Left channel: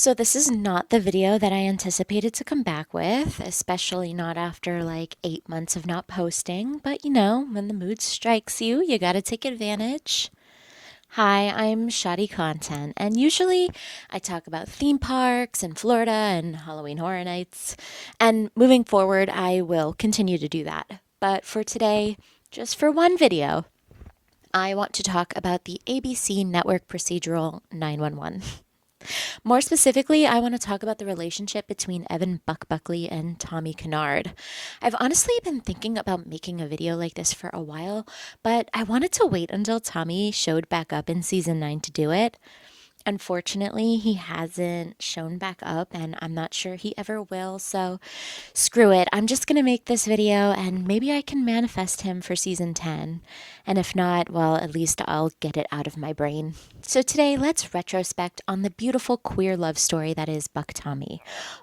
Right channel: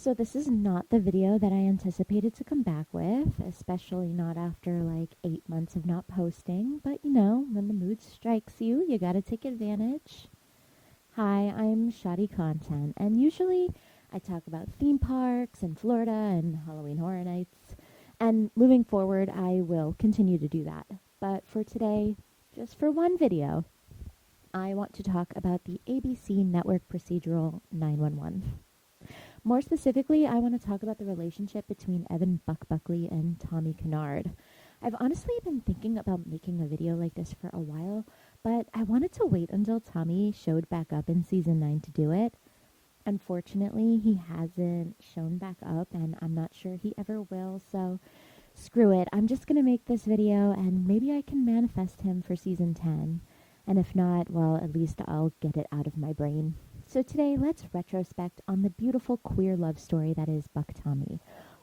So this is not the video that I anticipated to come back with, especially not after like 8 months of not posting. But when the mood strikes you, you gotta take advantage. Hi, I'm ShoddyContent, and usually I talk about theme parks in Florida and Halloween Horror Nights. And moving forward, I will continue to do that. But for today, just for one video, I want to talk about the ABC network procedural 911. More specifically, I want to talk about the relationship between Evan Buck Buckley and Tommy Kinard. I've honestly been thinking about making a video like this for a while, but I wanted to wait until Tommy showed back up in season 9 to do it. Unfortunately, he hasn't shown back up, and I'm not sure he ever will, so screw it. I'm just going to make this video, and maybe I can manifest him for season 10. And if not, well, at least I'll get it out of my brain. So today, let's retrospect on the beautiful queer love story that is BuckTommy.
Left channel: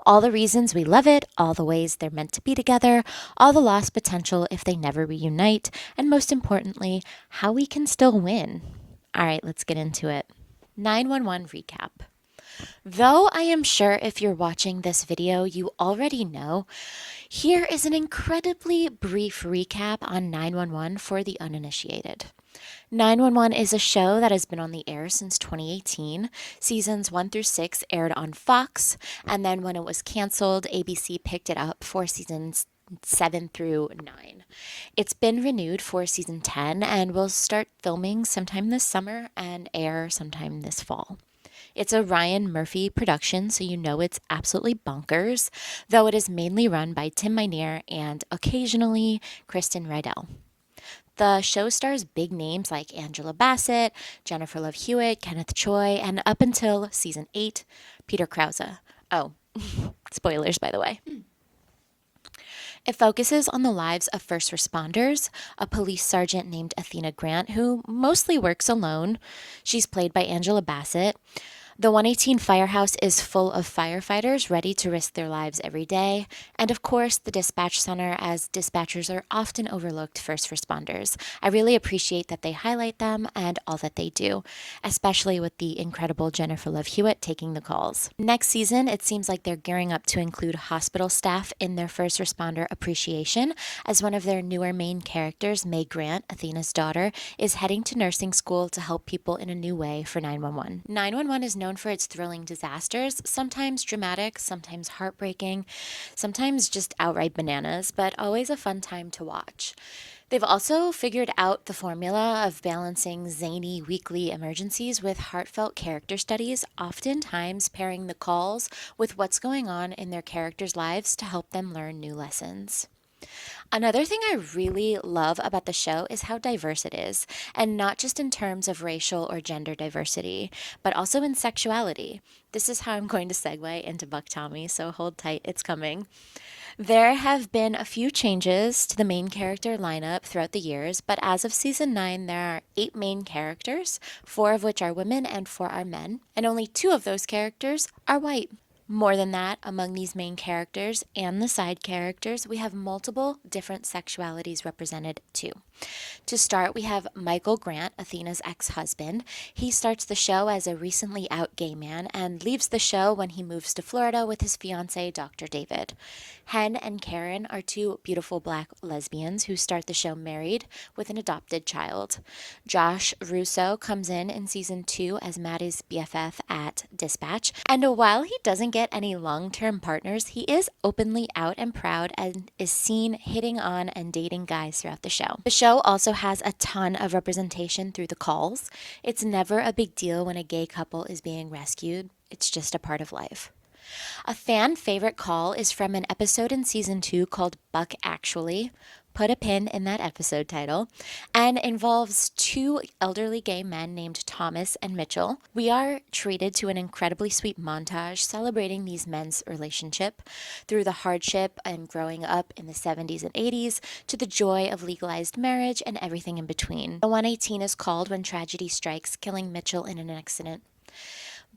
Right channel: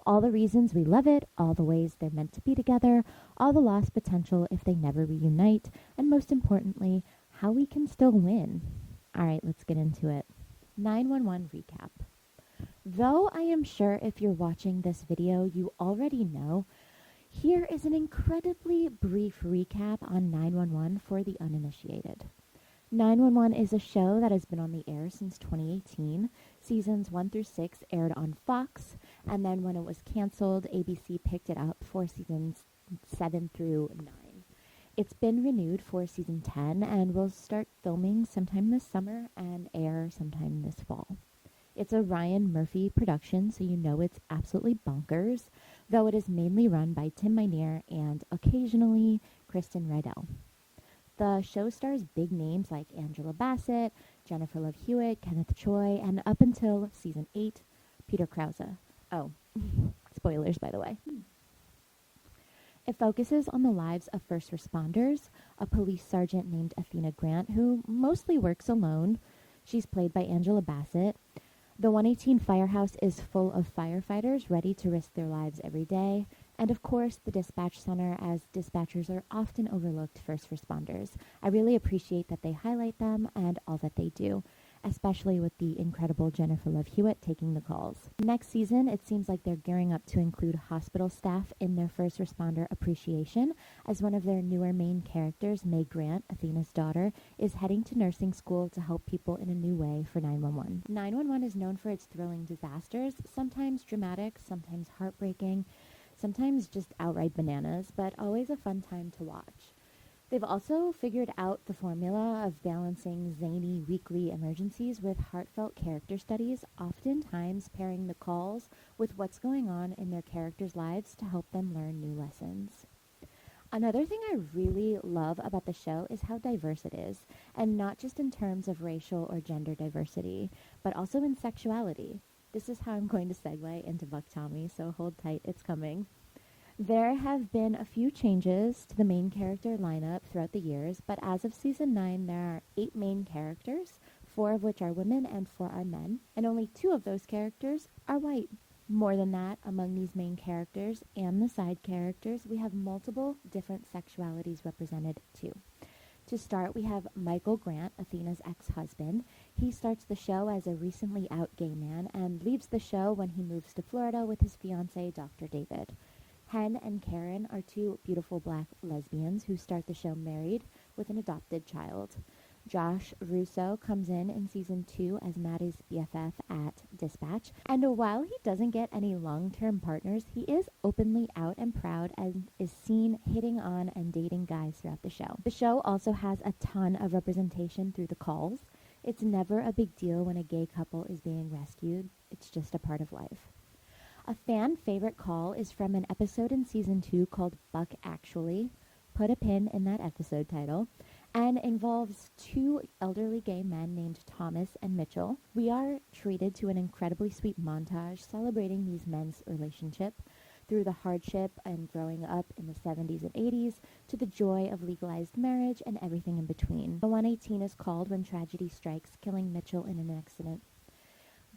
All the reasons we love it, all the ways they're meant to be together, all the lost potential if they never reunite, and most importantly, how we can still win. All right, let's get into it. 911 recap. Though I am sure if you're watching this video, you already know, here is an incredibly brief recap on 911 for the uninitiated. 911 is a show that has been on the air since 2018. Seasons 1 through 6 aired on Fox, and then when it was canceled, ABC picked it up for seasons 7 through 9. It's been renewed for season 10 and will start filming sometime this summer and air sometime this fall. It's a Ryan Murphy production, so you know it's absolutely bonkers, though it is mainly run by Tim Minear and occasionally Kristen Rydell. The show stars big names like Angela Bassett, Jennifer Love Hewitt, Kenneth Choi, and up until season 8, Peter Krause. Oh, spoilers, by the way. It focuses on the lives of first responders, a police sergeant named Athena Grant, who mostly works alone. She's played by Angela Bassett. The 118 Firehouse is full of firefighters ready to risk their lives every day. And of course, the dispatch center, as dispatchers are often overlooked first responders. I really appreciate that they highlight them and all that they do, especially with the incredible Jennifer Love Hewitt taking the calls. Next season, it seems like they're gearing up to include hospital staff in their first responder appreciation, as one of their newer main characters, May Grant, Athena's daughter, is heading to nursing school to help people in a new way for 911. 911 is known for its thrilling disasters, sometimes dramatic, sometimes heartbreaking, sometimes just outright bananas, but always a fun time to watch. They've also figured out the formula of balancing zany weekly emergencies with heartfelt character studies, oftentimes pairing the calls with what's going on in their characters' lives to help them learn new lessons. Another thing I really love about the show is how diverse it is, and not just in terms of racial or gender diversity, but also in sexuality. This is how I'm going to segue into BuckTommy, so hold tight, it's coming. There have been a few changes to the main character lineup throughout the years, but as of season 9, there are 8 main characters, 4 of which are women and 4 are men, and only 2 of those characters are white. More than that, among these main characters and the side characters, we have multiple different sexualities represented too. To start, we have Michael Grant, Athena's ex-husband. He starts the show as a recently out gay man and leaves the show when he moves to Florida with his fiancée, Dr. David. Hen and Karen are 2 beautiful black lesbians who start the show married with an adopted child. Josh Russo comes in season 2 as Maddie's BFF at Dispatch, and while he doesn't get any long-term partners, he is openly out and proud and is seen hitting on and dating guys throughout the show. The show also has a ton of representation through the calls. It's never a big deal when a gay couple is being rescued. It's just a part of life. A fan favorite call is from an episode in season 2 called Buck Actually. Put a pin in that episode title, and involves 2 elderly gay men named Thomas and Mitchell. We are treated to an incredibly sweet montage celebrating these men's relationship through the hardship and growing up in the 70s and 80s to the joy of legalized marriage and everything in between. The 118 is called when tragedy strikes, killing Mitchell in an accident.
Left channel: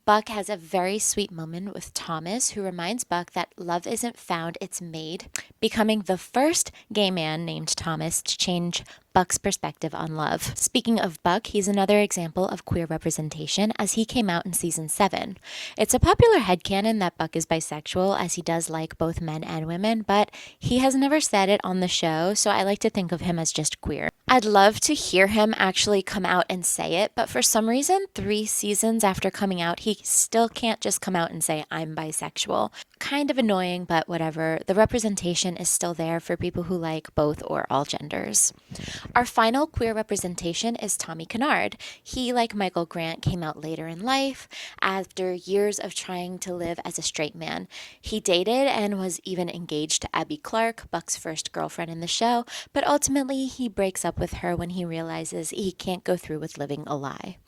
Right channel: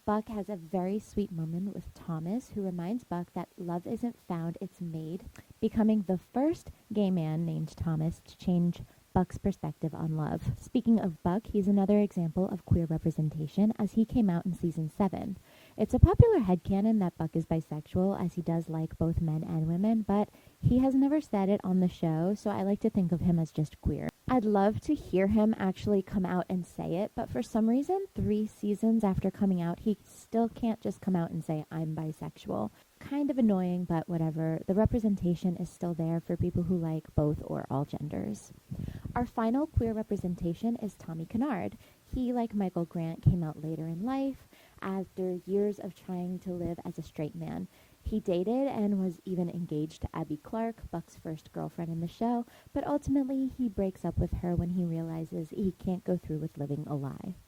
Buck has a very sweet moment with Thomas, who reminds Buck that love isn't found, it's made, becoming the first gay man named Thomas to change Buck's perspective on love. Speaking of Buck, he's another example of queer representation as he came out in season 7. It's a popular headcanon that Buck is bisexual, as he does like both men and women, but he has never said it on the show, so I like to think of him as just queer. I'd love to hear him actually come out and say it, but for some reason, 3 seasons after coming out, he still can't just come out and say, I'm bisexual. Kind of annoying, but whatever. The representation is still there for people who like both or all genders. Our final queer representation is Tommy Kinard. He, like Michael Grant, came out later in life after years of trying to live as a straight man. He dated and was even engaged to Abby Clark, Buck's first girlfriend in the show, but ultimately he breaks up with her when he realizes he can't go through with living a lie.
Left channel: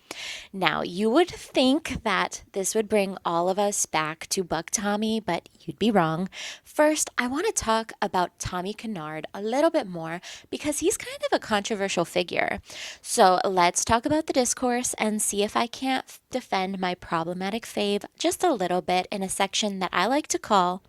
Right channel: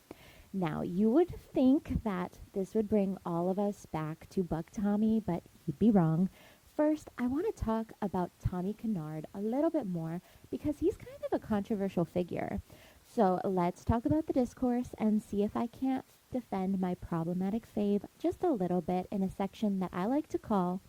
Now, you would think that this would bring all of us back to BuckTommy, but you'd be wrong. First, I want to talk about Tommy Kinard a little bit more because he's kind of a controversial figure. So let's talk about the discourse and see if I can't defend my problematic fave just a little bit in a section that I like to call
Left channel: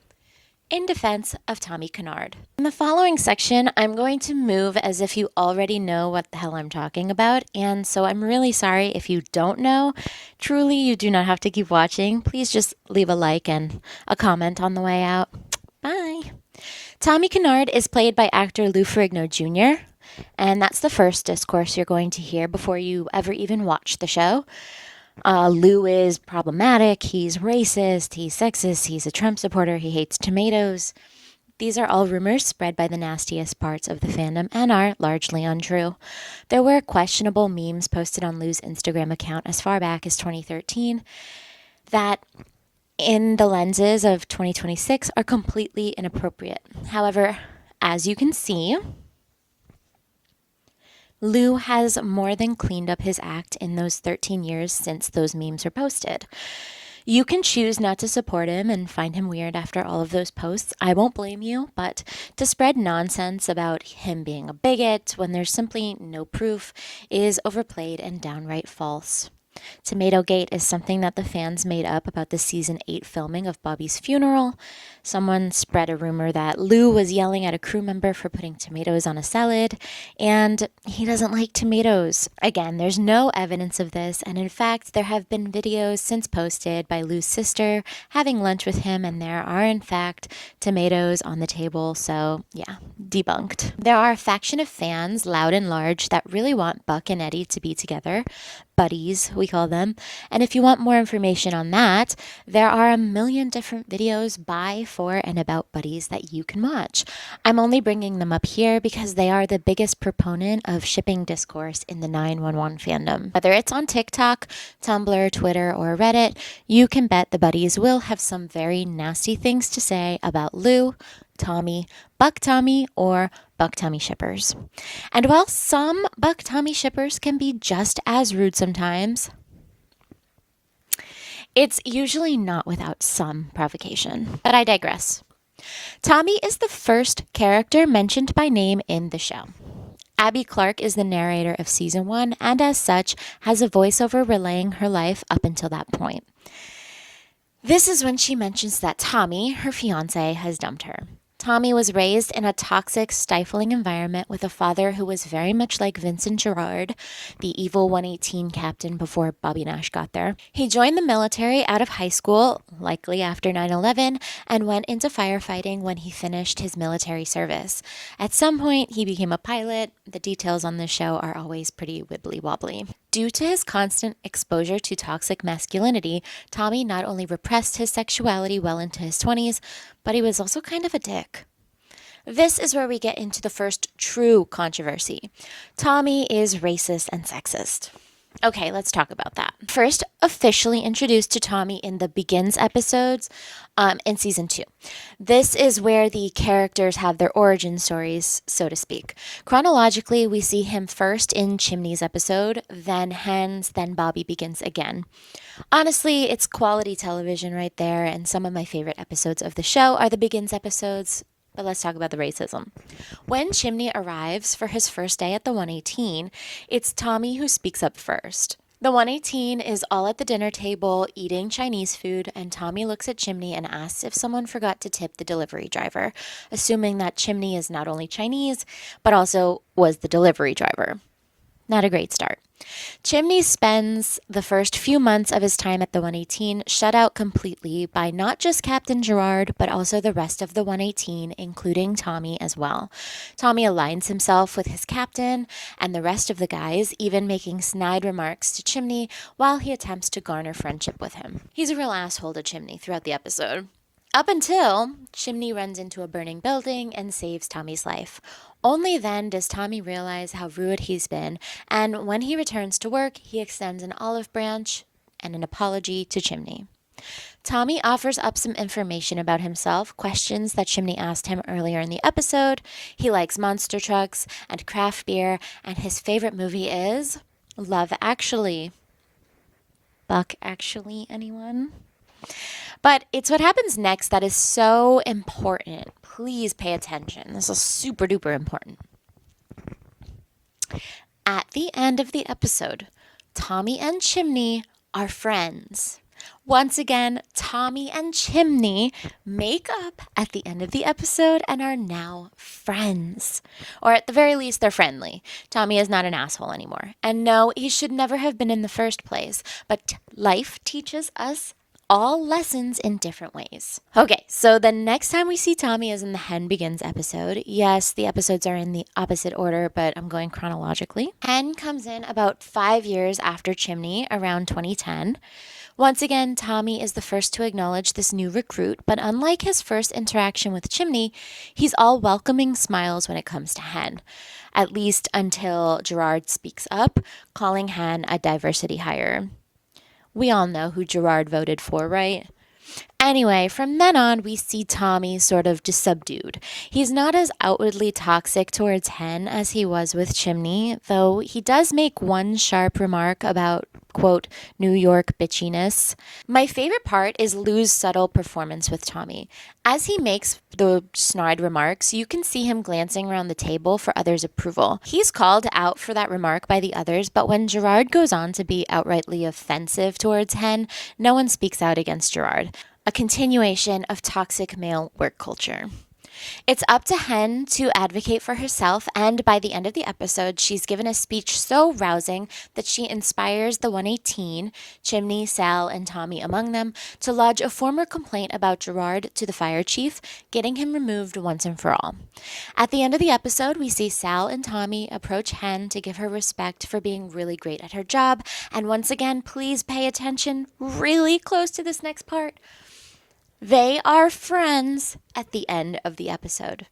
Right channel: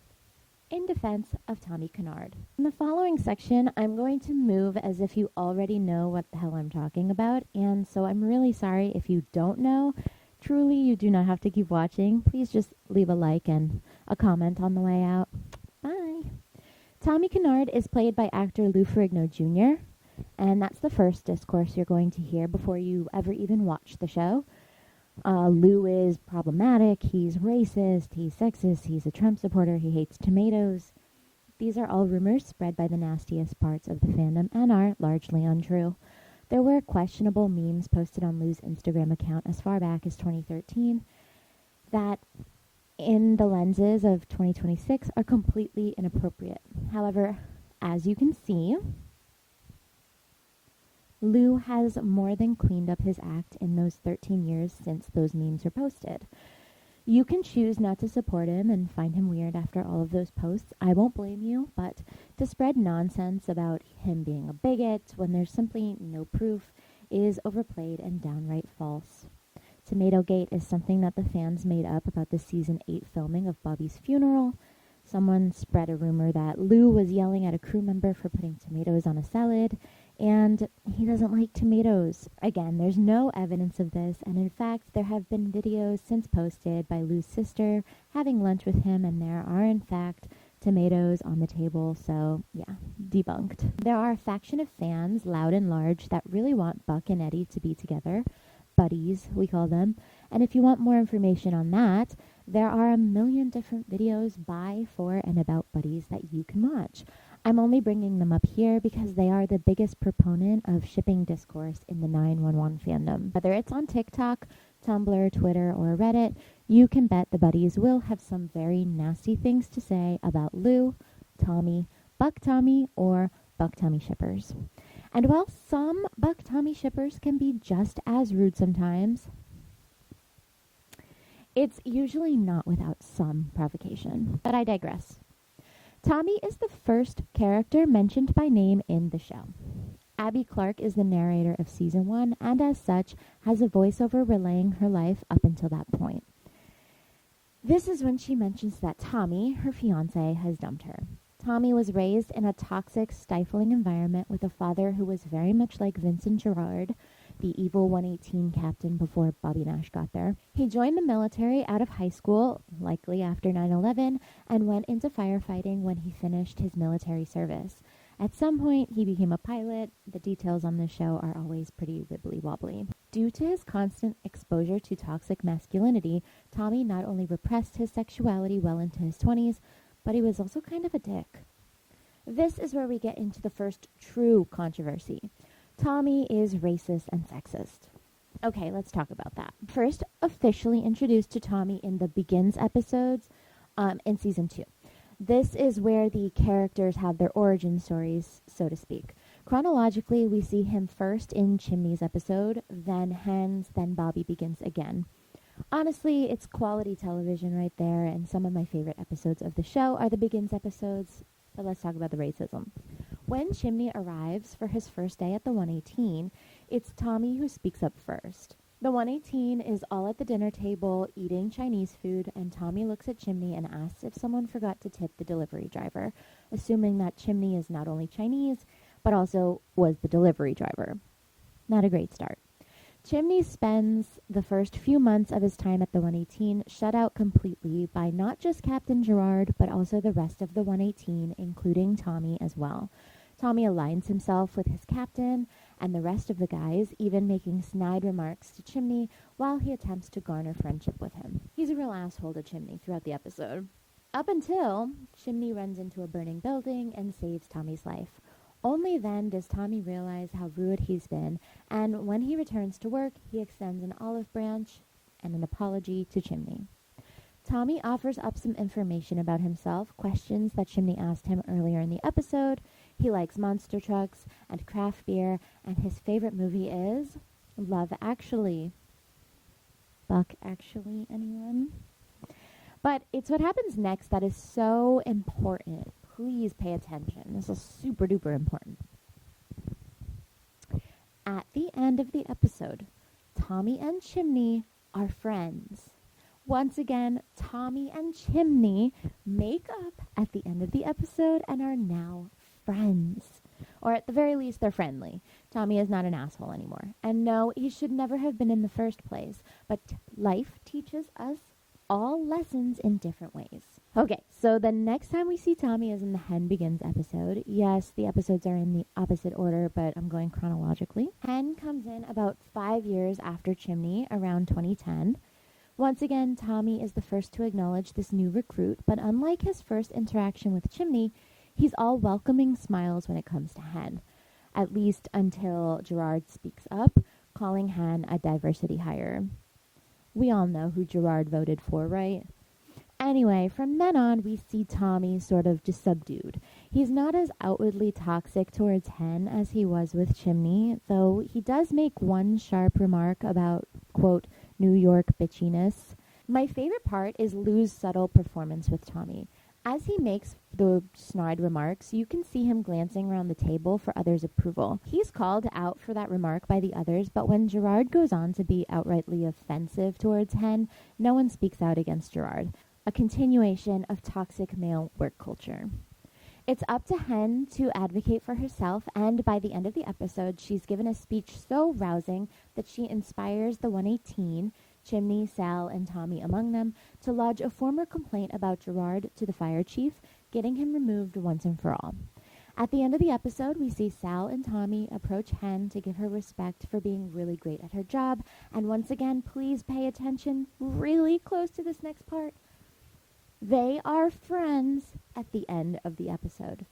In Defense of Tommy Kinard. In the following section, I'm going to move as if you already know what the hell I'm talking about, and so I'm really sorry if you don't know. Truly, you do not have to keep watching. Please just leave a like and a comment on the way out. Bye. Tommy Kinard is played by actor Lou Ferrigno Jr., and that's the first discourse you're going to hear before you ever even watch the show. Lou is problematic, he's racist, he's sexist, he's a Trump supporter, he hates tomatoes. These are all rumors spread by the nastiest parts of the fandom and are largely untrue. There were questionable memes posted on Lou's Instagram account as far back as 2013 that, in the lenses of 2026, are completely inappropriate. However, as you can see, Lou has more than cleaned up his act in those 13 years since those memes were posted. You can choose not to support him and find him weird after all of those posts. I won't blame you, but to spread nonsense about him being a bigot when there's simply no proof is overplayed and downright false. Tomatogate is something that the fans made up about the season 8 filming of Bobby's funeral. Someone spread a rumor that Lou was yelling at a crew member for putting tomatoes on a salad, and he doesn't like tomatoes. Again, there's no evidence of this, and in fact, there have been videos since posted by Lou's sister having lunch with him, and there are in fact tomatoes on the table, so yeah, debunked. There are a faction of fans, loud and large, that really want Buck and Eddie to be together. Buddies, we call them. And if you want more information on that, there are a million different videos by, for, and about buddies that you can watch. I'm only bringing them up here because they are the biggest proponent of shipping discourse in the 911 fandom. Whether it's on TikTok, Tumblr, Twitter, or Reddit, you can bet the buddies will have some very nasty things to say about Lou, Tommy, BuckTommy, or BuckTommy shippers. And while some BuckTommy shippers can be just as rude sometimes, it's usually not without some provocation. But I digress. Tommy is the first character mentioned by name in the show. Abby Clark is the narrator of season 1 and as such has a voiceover relaying her life up until that point. This is when she mentions that Tommy, her fiance, has dumped her. Tommy was raised in a toxic, stifling environment with a father who was very much like Vincent Girard, the evil 118 captain before Bobby Nash got there. He joined the military out of high school, likely after 9/11, and went into firefighting when he finished his military service. At some point, he became a pilot. The details on this show are always pretty wibbly-wobbly. Due to his constant exposure to toxic masculinity, Tommy not only repressed his sexuality well into his 20s, but he was also kind of a dick. This is where we get into the first true controversy. Tommy is racist and sexist. Okay, let's talk about that. First, officially introduced to Tommy in the Begins episodes in season 2. This is where the characters have their origin stories, so to speak. Chronologically, we see him first in Chimney's episode, then Hens, then Bobby Begins again. Honestly, it's quality television right there, and some of my favorite episodes of the show are the Begins episodes. But let's talk about the racism. When Chimney arrives for his first day at the 118, it's Tommy who speaks up first. The 118 is all at the dinner table eating Chinese food, and Tommy looks at Chimney and asks if someone forgot to tip the delivery driver, assuming that Chimney is not only Chinese, but also was the delivery driver. Not a great start. Chimney spends the first few months of his time at the 118 shut out completely by not just Captain Gerard, but also the rest of the 118, including Tommy as well. Tommy aligns himself with his captain and the rest of the guys, even making snide remarks to Chimney while he attempts to garner friendship with him. He's a real asshole to Chimney throughout the episode. Up until Chimney runs into a burning building and saves Tommy's life. Only then does Tommy realize how rude he's been, and when he returns to work, he extends an olive branch and an apology to Chimney. Tommy offers up some information about himself, questions that Chimney asked him earlier in the episode. He likes monster trucks and craft beer, and his favorite movie is Love Actually. Buck Actually, anyone? But it's what happens next that is so important. Please pay attention. This is super duper important. At the end of the episode, Tommy and Chimney are friends. Once again, Tommy and Chimney make up at the end of the episode and are now friends. Or at the very least, they're friendly. Tommy is not an asshole anymore. And no, he should never have been in the first place. But life teaches us all lessons in different ways. Okay, so the next time we see Tommy is in the Hen Begins episode. Yes, the episodes are in the opposite order, but I'm going chronologically. Hen comes in about 5 years after Chimney, around 2010. Once again, Tommy is the first to acknowledge this new recruit, but unlike his first interaction with Chimney, he's all welcoming smiles when it comes to Hen. At least until Gerard speaks up, calling Hen a diversity hire. We all know who Gerard voted for, right? Anyway, from then on, we see Tommy sort of just subdued. He's not as outwardly toxic towards Hen as he was with Chimney, though he does make one sharp remark about, quote, New York bitchiness. My favorite part is Lou's subtle performance with Tommy. As he makes the snide remarks, you can see him glancing around the table for others' approval. He's called out for that remark by the others, but when Gerard goes on to be outrightly offensive towards Hen, no one speaks out against Gerard. A continuation of toxic male work culture. It's up to Hen to advocate for herself, and by the end of the episode, she's given a speech so rousing that she inspires the 118, Chimney, Sal, and Tommy among them, to lodge a former complaint about Gerard to the fire chief, getting him removed once and for all. At the end of the episode, we see Sal and Tommy approach Hen to give her respect for being really great at her job, and once again, please pay attention really close to this next part. They are friends at the end of the episode.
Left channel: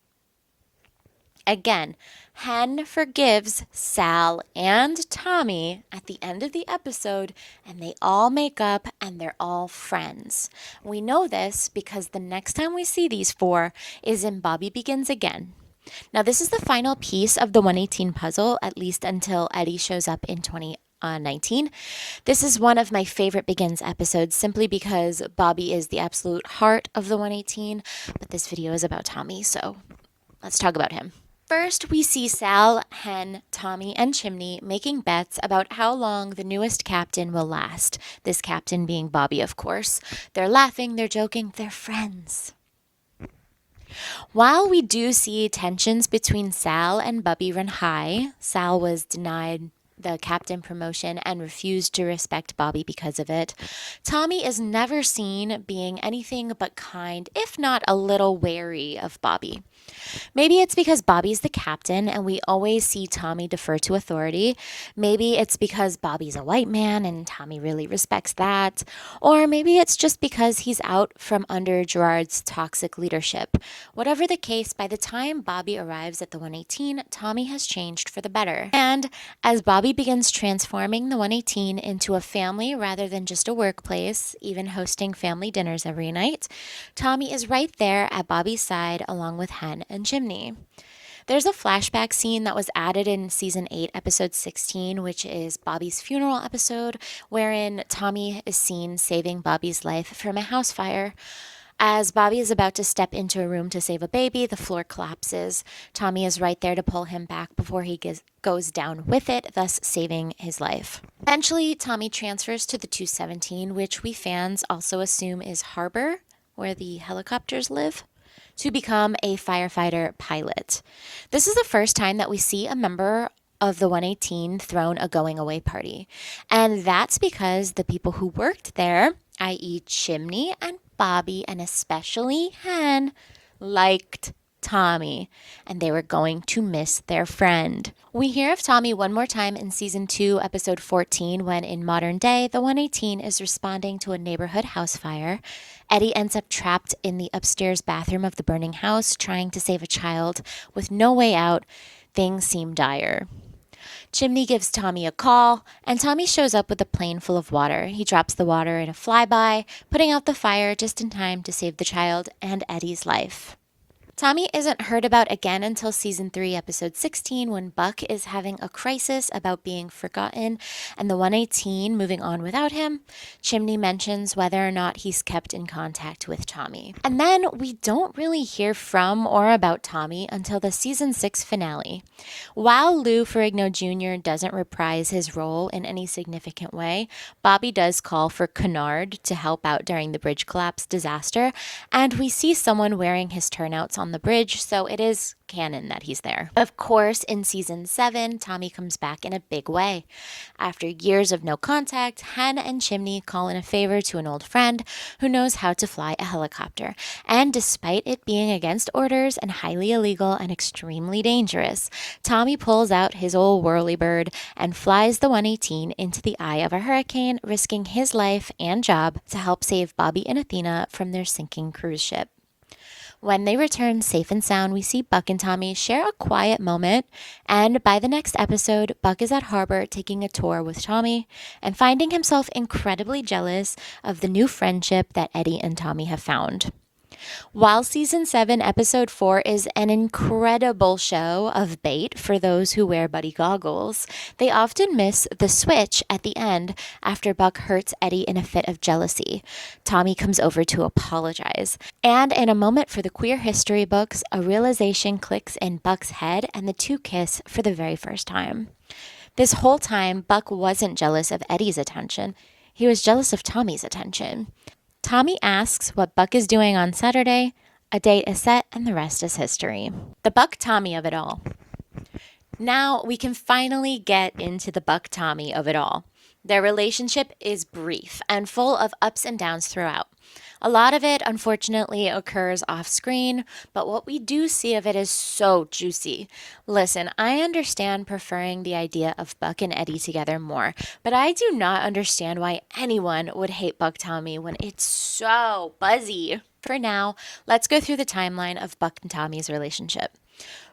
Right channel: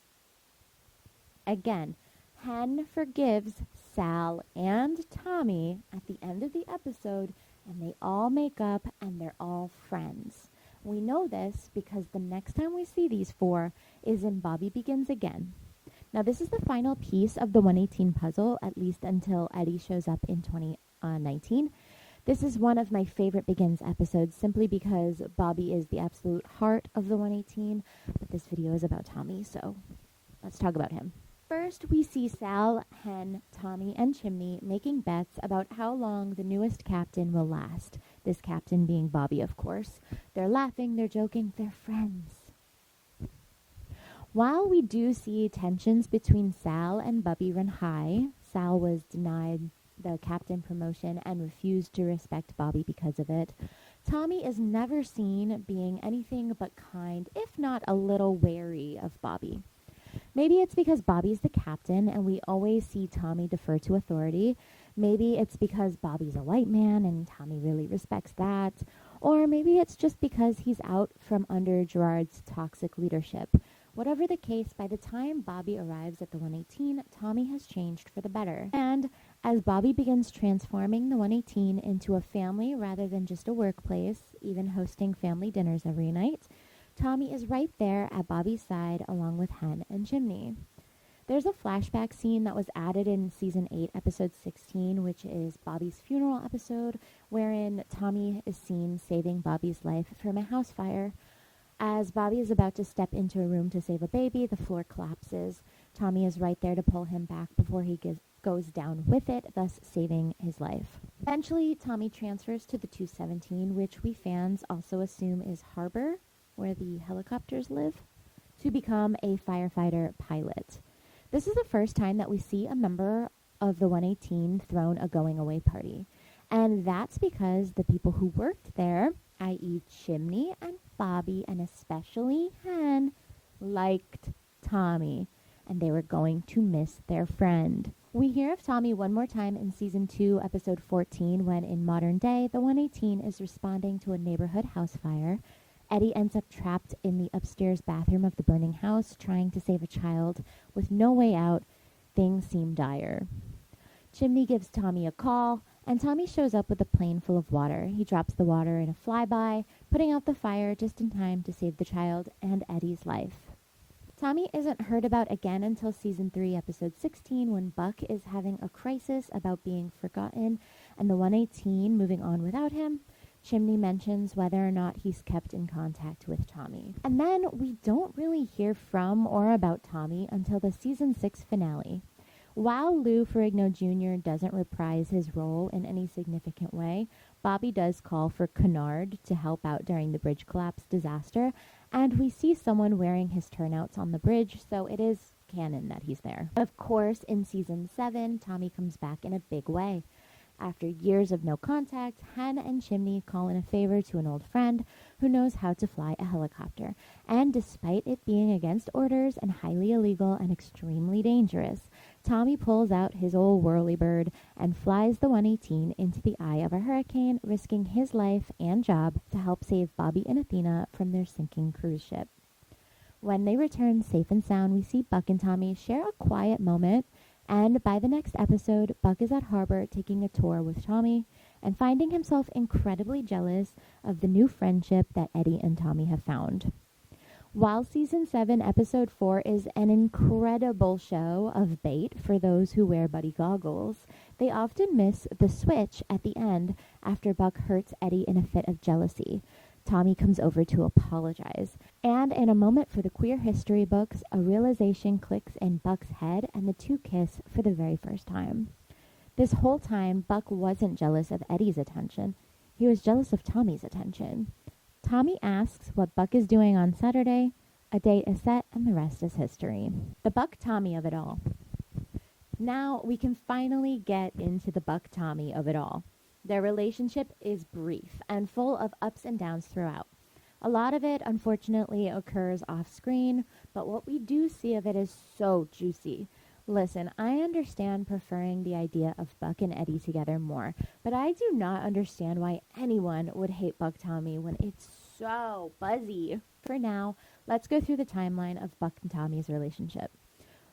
Again, Hen forgives Sal and Tommy at the end of the episode, and they all make up and they're all friends. We know this because the next time we see these four is in Bobby Begins Again. Now, this is the final piece of the 118 puzzle, at least until Eddie shows up in 2019. This is one of my favorite Begins episodes simply because Bobby is the absolute heart of the 118, but this video is about Tommy, so let's talk about him. First, we see Sal, Hen, Tommy, and Chimney making bets about how long the newest captain will last. This captain being Bobby, of course. They're laughing, they're joking, they're friends. While we do see tensions between Sal and Bubby run high, Sal was denied the captain promotion and refused to respect Bobby because of it, Tommy is never seen being anything but kind, if not a little wary of Bobby. Maybe it's because Bobby's the captain and we always see Tommy defer to authority. Maybe it's because Bobby's a white man and Tommy really respects that. Or maybe it's just because he's out from under Gerard's toxic leadership. Whatever the case, by the time Bobby arrives at the 118, Tommy has changed for the better. And as Bobby begins transforming the 118 into a family rather than just a workplace, even hosting family dinners every night, Tommy is right there at Bobby's side along with Hen and Chimney. There's a flashback scene that was added in season 8, episode 16, which is Bobby's funeral episode, wherein Tommy is seen saving Bobby's life from a house fire. As Bobby is about to step into a room to save a baby, the floor collapses. Tommy is right there to pull him back before he goes down with it, thus saving his life. Eventually, Tommy transfers to the 217, which we fans also assume is Harbor, where the helicopters live, to become a firefighter pilot. This is the first time that we see a member of the 118 thrown a going away party. And that's because the people who worked there, i.e. Chimney and Bobby and especially Hen, liked Tommy, and they were going to miss their friend. We hear of Tommy one more time in season 2, episode 14, when in modern day, the 118 is responding to a neighborhood house fire. Eddie ends up trapped in the upstairs bathroom of the burning house, trying to save a child. With no way out, things seem dire. Chimney gives Tommy a call, and Tommy shows up with a plane full of water. He drops the water in a flyby, putting out the fire just in time to save the child and Eddie's life. Tommy isn't heard about again until season 3, episode 16, when Buck is having a crisis about being forgotten and the 118 moving on without him. Chimney mentions whether or not he's kept in contact with Tommy. And then we don't really hear from or about Tommy until the season 6 finale. While Lou Ferrigno Jr. doesn't reprise his role in any significant way, Bobby does call for Kinard to help out during the bridge collapse disaster, and we see someone wearing his turnouts on the bridge, so it is canon that he's there. Of course, in season 7, Tommy comes back in a big way. After years of no contact, Hen and Chimney call in a favor to an old friend who knows how to fly a helicopter. And despite it being against orders and highly illegal and extremely dangerous, Tommy pulls out his old whirlybird and flies the 118 into the eye of a hurricane, risking his life and job to help save Bobby and Athena from their sinking cruise ship. When they return safe and sound, we see Buck and Tommy share a quiet moment, and by the next episode, Buck is at Harbor taking a tour with Tommy and finding himself incredibly jealous of the new friendship that Eddie and Tommy have found. While season 7, episode 4 is an incredible show of bait for those who wear buddy goggles, they often miss the switch at the end after Buck hurts Eddie in a fit of jealousy. Tommy comes over to apologize. And in a moment for the queer history books, a realization clicks in Buck's head and the two kiss for the very first time. This whole time, Buck wasn't jealous of Eddie's attention. He was jealous of Tommy's attention. Tommy asks what Buck is doing on Saturday. A date is set, and the rest is history. The BuckTommy of it all. Now we can finally get into the BuckTommy of it all. Their relationship is brief and full of ups and downs throughout. A lot of it, unfortunately, occurs off screen, but what we do see of it is so juicy. Listen, I understand preferring the idea of Buck and Eddie together more, but I do not understand why anyone would hate BuckTommy when it's so buzzy. For now, let's go through the timeline of Buck and Tommy's relationship.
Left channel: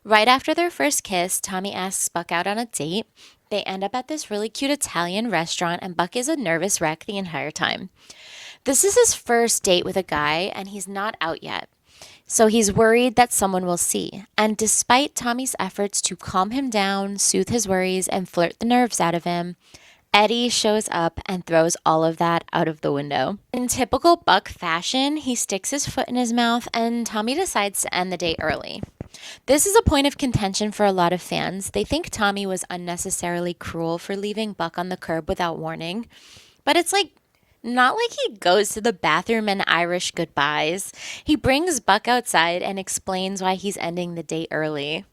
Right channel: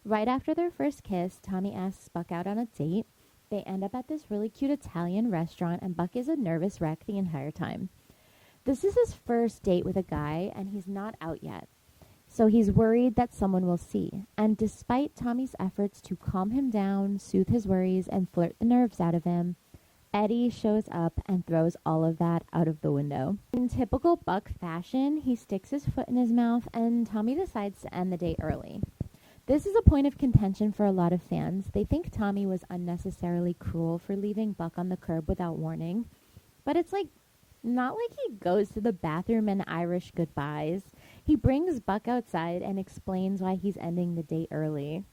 Right after their first kiss, Tommy asks Buck out on a date. They end up at this really cute Italian restaurant, and Buck is a nervous wreck the entire time. This is his first date with a guy, and he's not out yet. So he's worried that someone will see. And despite Tommy's efforts to calm him down, soothe his worries, and flirt the nerves out of him, Eddie shows up and throws all of that out of the window. In typical Buck fashion, he sticks his foot in his mouth, and Tommy decides to end the date early. This is a point of contention for a lot of fans. They think Tommy was unnecessarily cruel for leaving Buck on the curb without warning. But it's not like he goes to the bathroom and Irish goodbyes. He brings Buck outside and explains why he's ending the date early.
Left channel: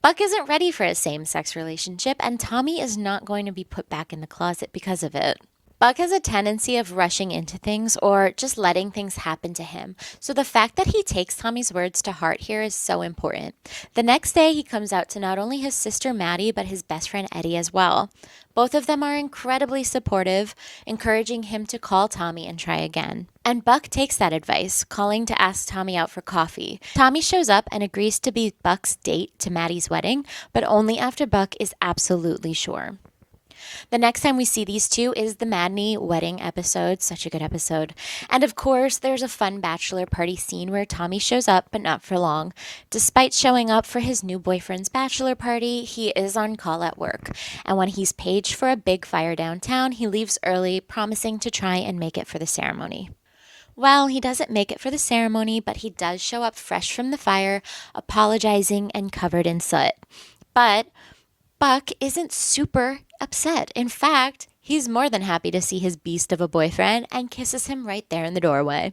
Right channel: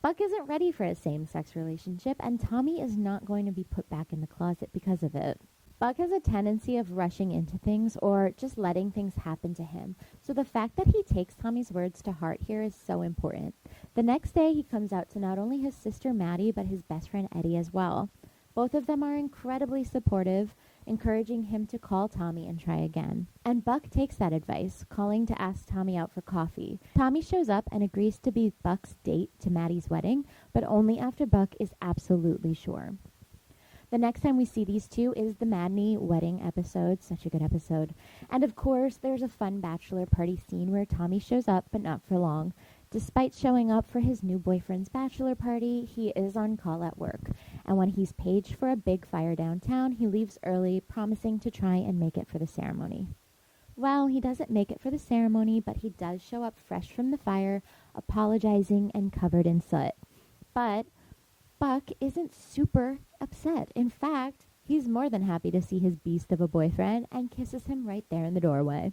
Buck isn't ready for a same-sex relationship, and Tommy is not going to be put back in the closet because of it. Buck has a tendency of rushing into things or just letting things happen to him. So the fact that he takes Tommy's words to heart here is so important. The next day, he comes out to not only his sister Maddie, but his best friend Eddie as well. Both of them are incredibly supportive, encouraging him to call Tommy and try again. And Buck takes that advice, calling to ask Tommy out for coffee. Tommy shows up and agrees to be Buck's date to Maddie's wedding, but only after Buck is absolutely sure. The next time we see these two is the Madney wedding episode. Such a good episode. And of course, there's a fun bachelor party scene where Tommy shows up, but not for long. Despite showing up for his new boyfriend's bachelor party, he is on call at work. And when he's paged for a big fire downtown, he leaves early, promising to try and make it for the ceremony. Well, he doesn't make it for the ceremony, but he does show up fresh from the fire, apologizing and covered in soot. But Buck isn't super upset. In fact, he's more than happy to see his beast of a boyfriend and kisses him right there in the doorway.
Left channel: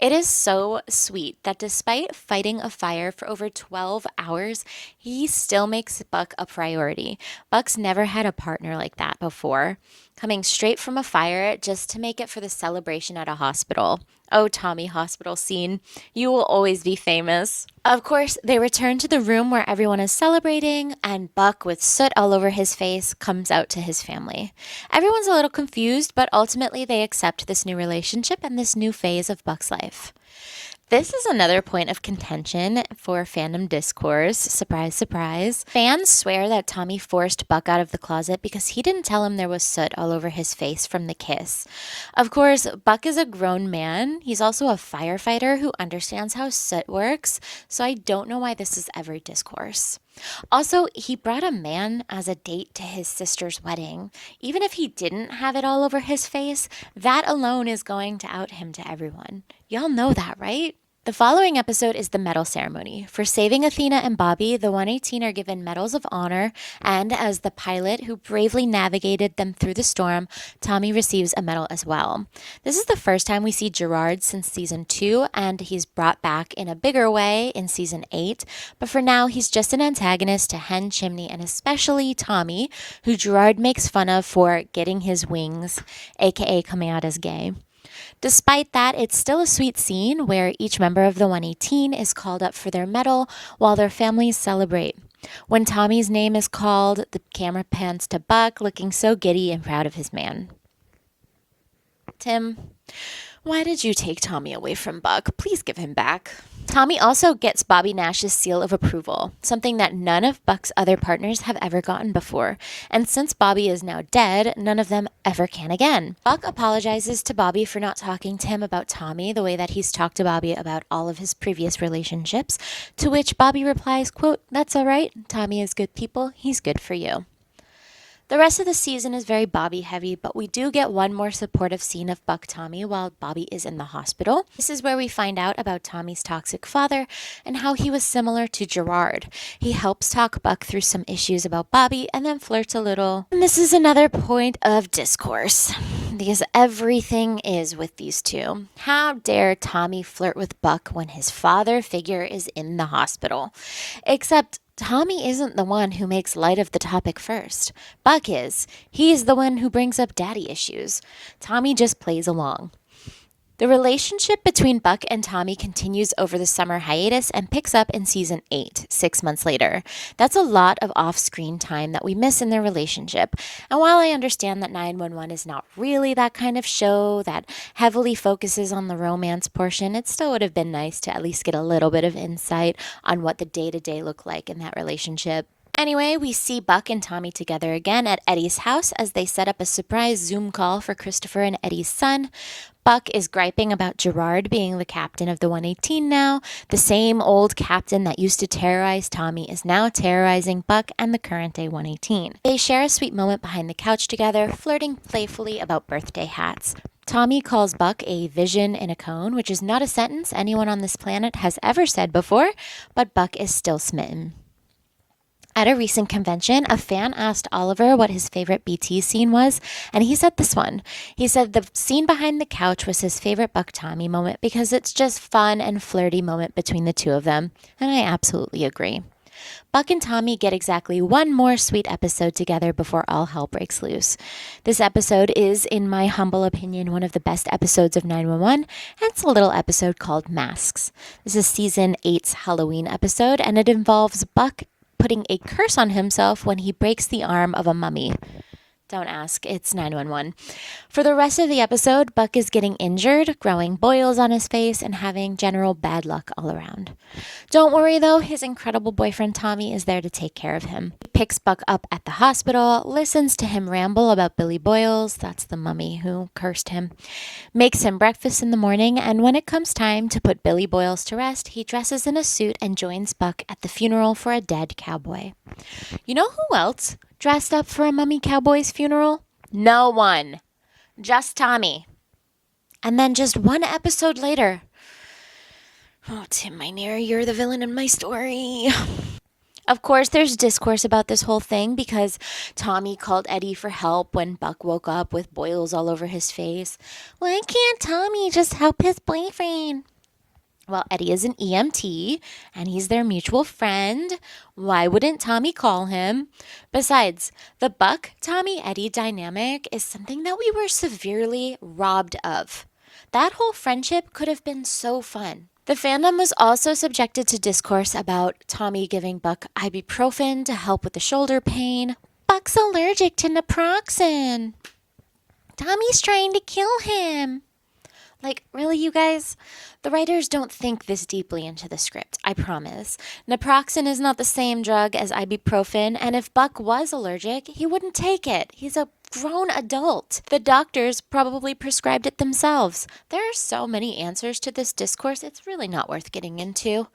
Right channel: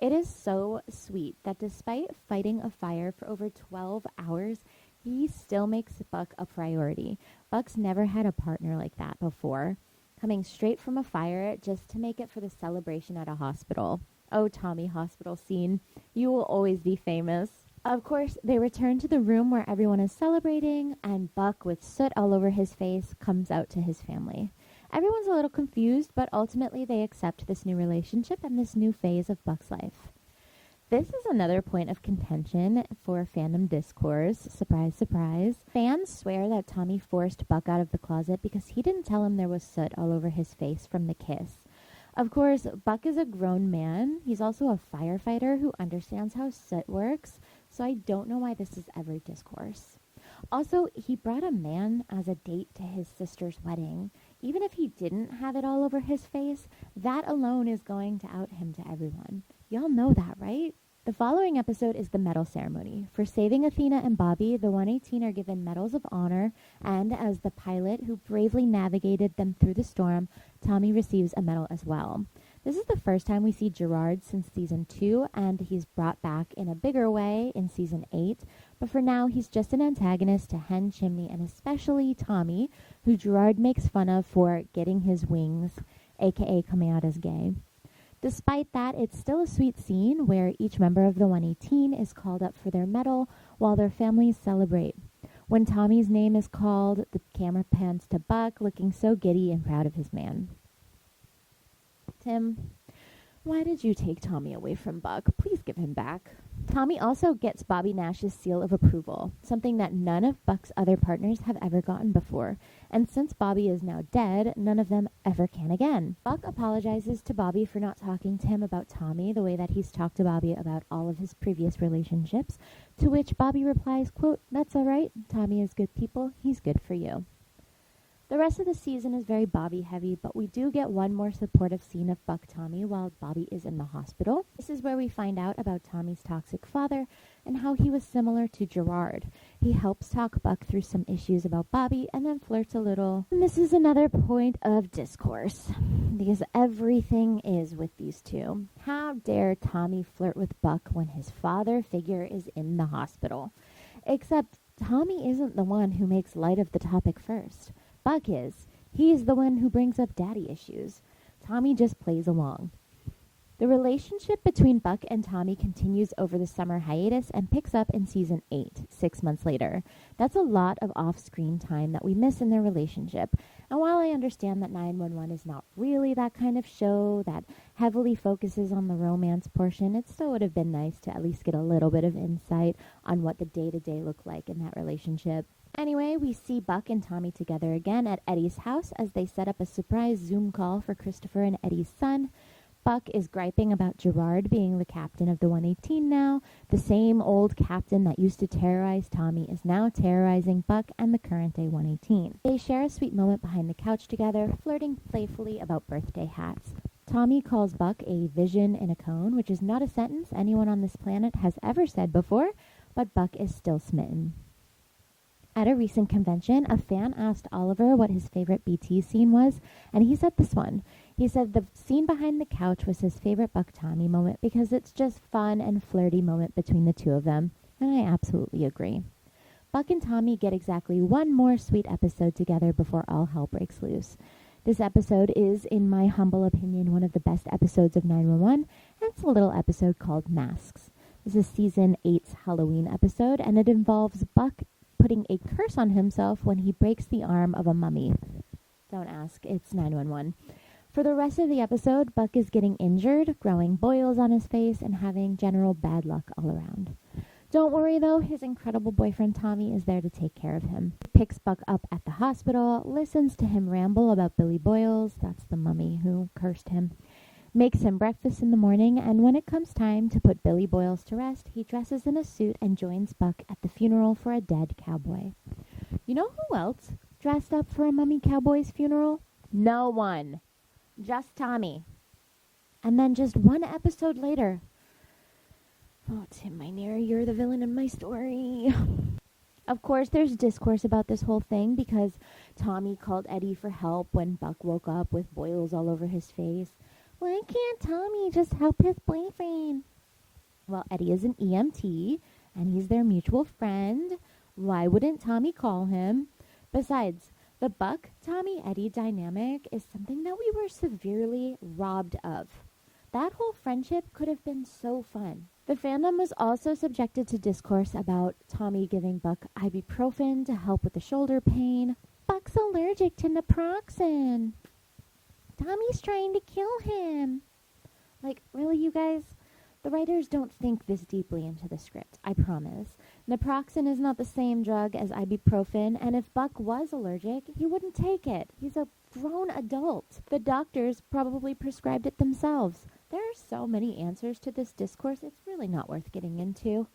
It is so sweet that despite fighting a fire for over 12 hours, he still makes Buck a priority. Buck's never had a partner like that before, coming straight from a fire just to make it for the celebration at a hospital. Oh, Tommy hospital scene, you will always be famous. Of course, they return to the room where everyone is celebrating, and Buck, with soot all over his face, comes out to his family. Everyone's a little confused, but ultimately they accept this new relationship and this new phase of Buck's life. This is another point of contention for fandom discourse. Surprise, surprise. Fans swear that Tommy forced Buck out of the closet because he didn't tell him there was soot all over his face from the kiss. Of course, Buck is a grown man. He's also a firefighter who understands how soot works, so I don't know why this is ever discourse. Also, he brought a man as a date to his sister's wedding. Even if he didn't have it all over his face, that alone is going to out him to everyone. Y'all know that, right? The following episode is the medal ceremony. For saving Athena and Bobby, the 118 are given medals of honor, and as the pilot who bravely navigated them through the storm, Tommy receives a medal as well. This is the first time we see Gerard since season 2, and he's brought back in a bigger way in season 8, but for now he's just an antagonist to Hen, Chimney, and especially Tommy, who Gerard makes fun of for getting his wings, aka coming out as gay. Despite that, it's still a sweet scene where each member of the 118 is called up for their medal while their families celebrate. When Tommy's name is called, the camera pans to Buck, looking so giddy and proud of his man. Tim, why did you take Tommy away from Buck? Please give him back. Tommy also gets Bobby Nash's seal of approval, something that none of Buck's other partners have ever gotten before. And since Bobby is now dead, none of them ever can again. Buck apologizes to Bobby for not talking to him about Tommy the way that he's talked to Bobby about all of his previous relationships, to which Bobby replies, quote, "That's all right. Tommy is good people. He's good for you." The rest of the season is very Bobby heavy, but we do get one more supportive scene of BuckTommy while Bobby is in the hospital. This is where we find out about Tommy's toxic father and how he was similar to Gerard. He helps talk Buck through some issues about Bobby and then flirts a little. And this is another point of discourse, because everything is with these two. How dare Tommy flirt with Buck when his father figure is in the hospital? Except Tommy isn't the one who makes light of the topic first. Buck is. He's the one who brings up daddy issues. Tommy just plays along. The relationship between Buck and Tommy continues over the summer hiatus and picks up in season 8, 6 months later. That's a lot of off-screen time that we miss in their relationship. And while I understand that 911 is not really that kind of show that heavily focuses on the romance portion, it still would have been nice to at least get a little bit of insight on what the day-to-day looked like in that relationship. Anyway, we see Buck and Tommy together again at Eddie's house as they set up a surprise Zoom call for Christopher and Eddie's son. Buck is griping about Gerard being the captain of the 118 now. The same old captain that used to terrorize Tommy is now terrorizing Buck and the current day 118. They share a sweet moment behind the couch together, flirting playfully about birthday hats. Tommy calls Buck a vision in a cone, which is not a sentence anyone on this planet has ever said before, but Buck is still smitten. At a recent convention, a fan asked Oliver what his favorite BT scene was, and he said this one. He said the scene behind the couch was his favorite BuckTommy moment because it's just fun and flirty moment between the two of them, and I absolutely agree. Buck and Tommy get exactly one more sweet episode together before all hell breaks loose. This episode is, in my humble opinion, one of the best episodes of 911, and it's a little episode called Masks. This is season 8's Halloween episode, and it involves Buck putting a curse on himself when he breaks the arm of a mummy. Don't ask, it's 911. For the rest of the episode, Buck is getting injured, growing boils on his face, and having general bad luck all around. Don't worry though, his incredible boyfriend Tommy is there to take care of him. He picks Buck up at the hospital, listens to him ramble about Billy Boyles, that's the mummy who cursed him, makes him breakfast in the morning, and when it comes time to put Billy Boyles to rest, he dresses in a suit and joins Buck at the funeral for a dead cowboy. You know who else dressed up for a mummy cowboy's funeral? No one. Just Tommy. And then just one episode later, oh, Tim Minear, you're the villain in my story. Of course, there's discourse about this whole thing because Tommy called Eddie for help when Buck woke up with boils all over his face. Why can't Tommy just help his boyfriend? Well, Eddie is an EMT, and he's their mutual friend. Why wouldn't Tommy call him? Besides, the Buck-Tommy-Eddie dynamic is something that we were severely robbed of. That whole friendship could have been so fun. The fandom was also subjected to discourse about Tommy giving Buck ibuprofen to help with the shoulder pain. Buck's allergic to naproxen. Tommy's trying to kill him. Like, really, you guys? The writers don't think this deeply into the script, I promise. Naproxen is not the same drug as ibuprofen, and if Buck was allergic, he wouldn't take it. He's a grown adult. The doctors probably prescribed it themselves. There are so many answers to this discourse, it's really not worth getting into.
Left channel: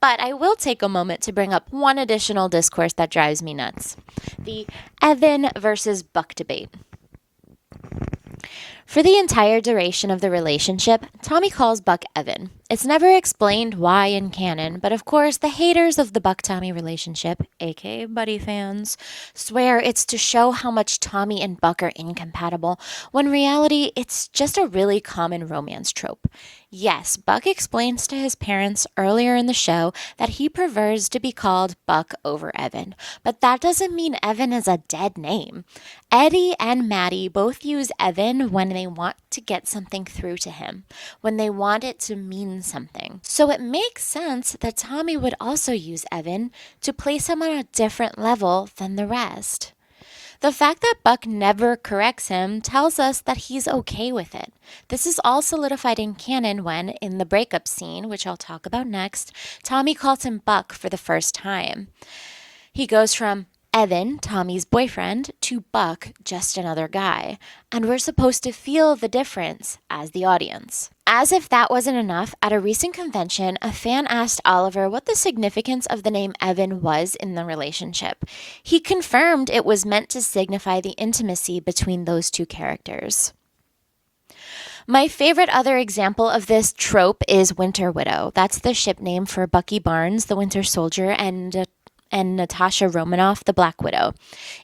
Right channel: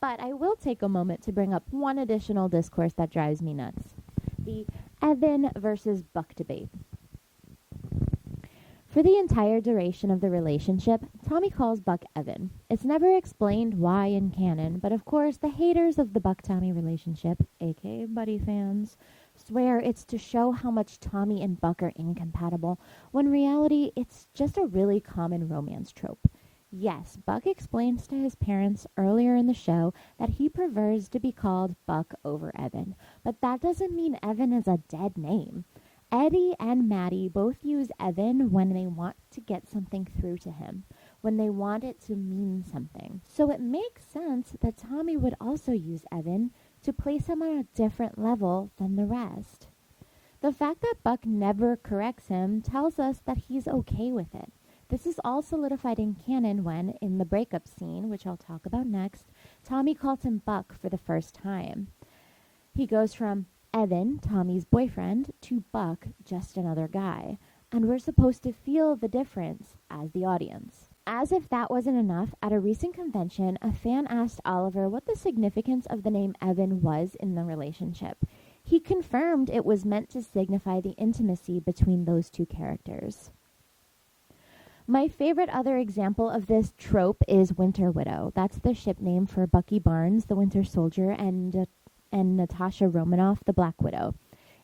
But I will take a moment to bring up one additional discourse that drives me nuts. The Evan versus Buck debate. For the entire duration of the relationship, Tommy calls Buck Evan. It's never explained why in canon, but of course the haters of the Buck-Tommy relationship, aka Buddy fans, swear it's to show how much Tommy and Buck are incompatible, when in reality it's just a really common romance trope. Yes, Buck explains to his parents earlier in the show that he prefers to be called Buck over Evan, but that doesn't mean Evan is a dead name. Eddie and Maddie both use Evan when they want to get something through to him, when they want it to mean something. So it makes sense that Tommy would also use Evan to place him on a different level than the rest. The fact that Buck never corrects him tells us that he's okay with it. This is all solidified in canon when, in the breakup scene, which I'll talk about next, Tommy calls him Buck for the first time. He goes from Evan, Tommy's boyfriend, to Buck, just another guy. And we're supposed to feel the difference as the audience. As if that wasn't enough, at a recent convention, a fan asked Oliver what the significance of the name Evan was in the relationship. He confirmed it was meant to signify the intimacy between those two characters. My favorite other example of this trope is Winter Widow. That's the ship name for Bucky Barnes, the Winter Soldier, and Natasha Romanoff, the Black Widow.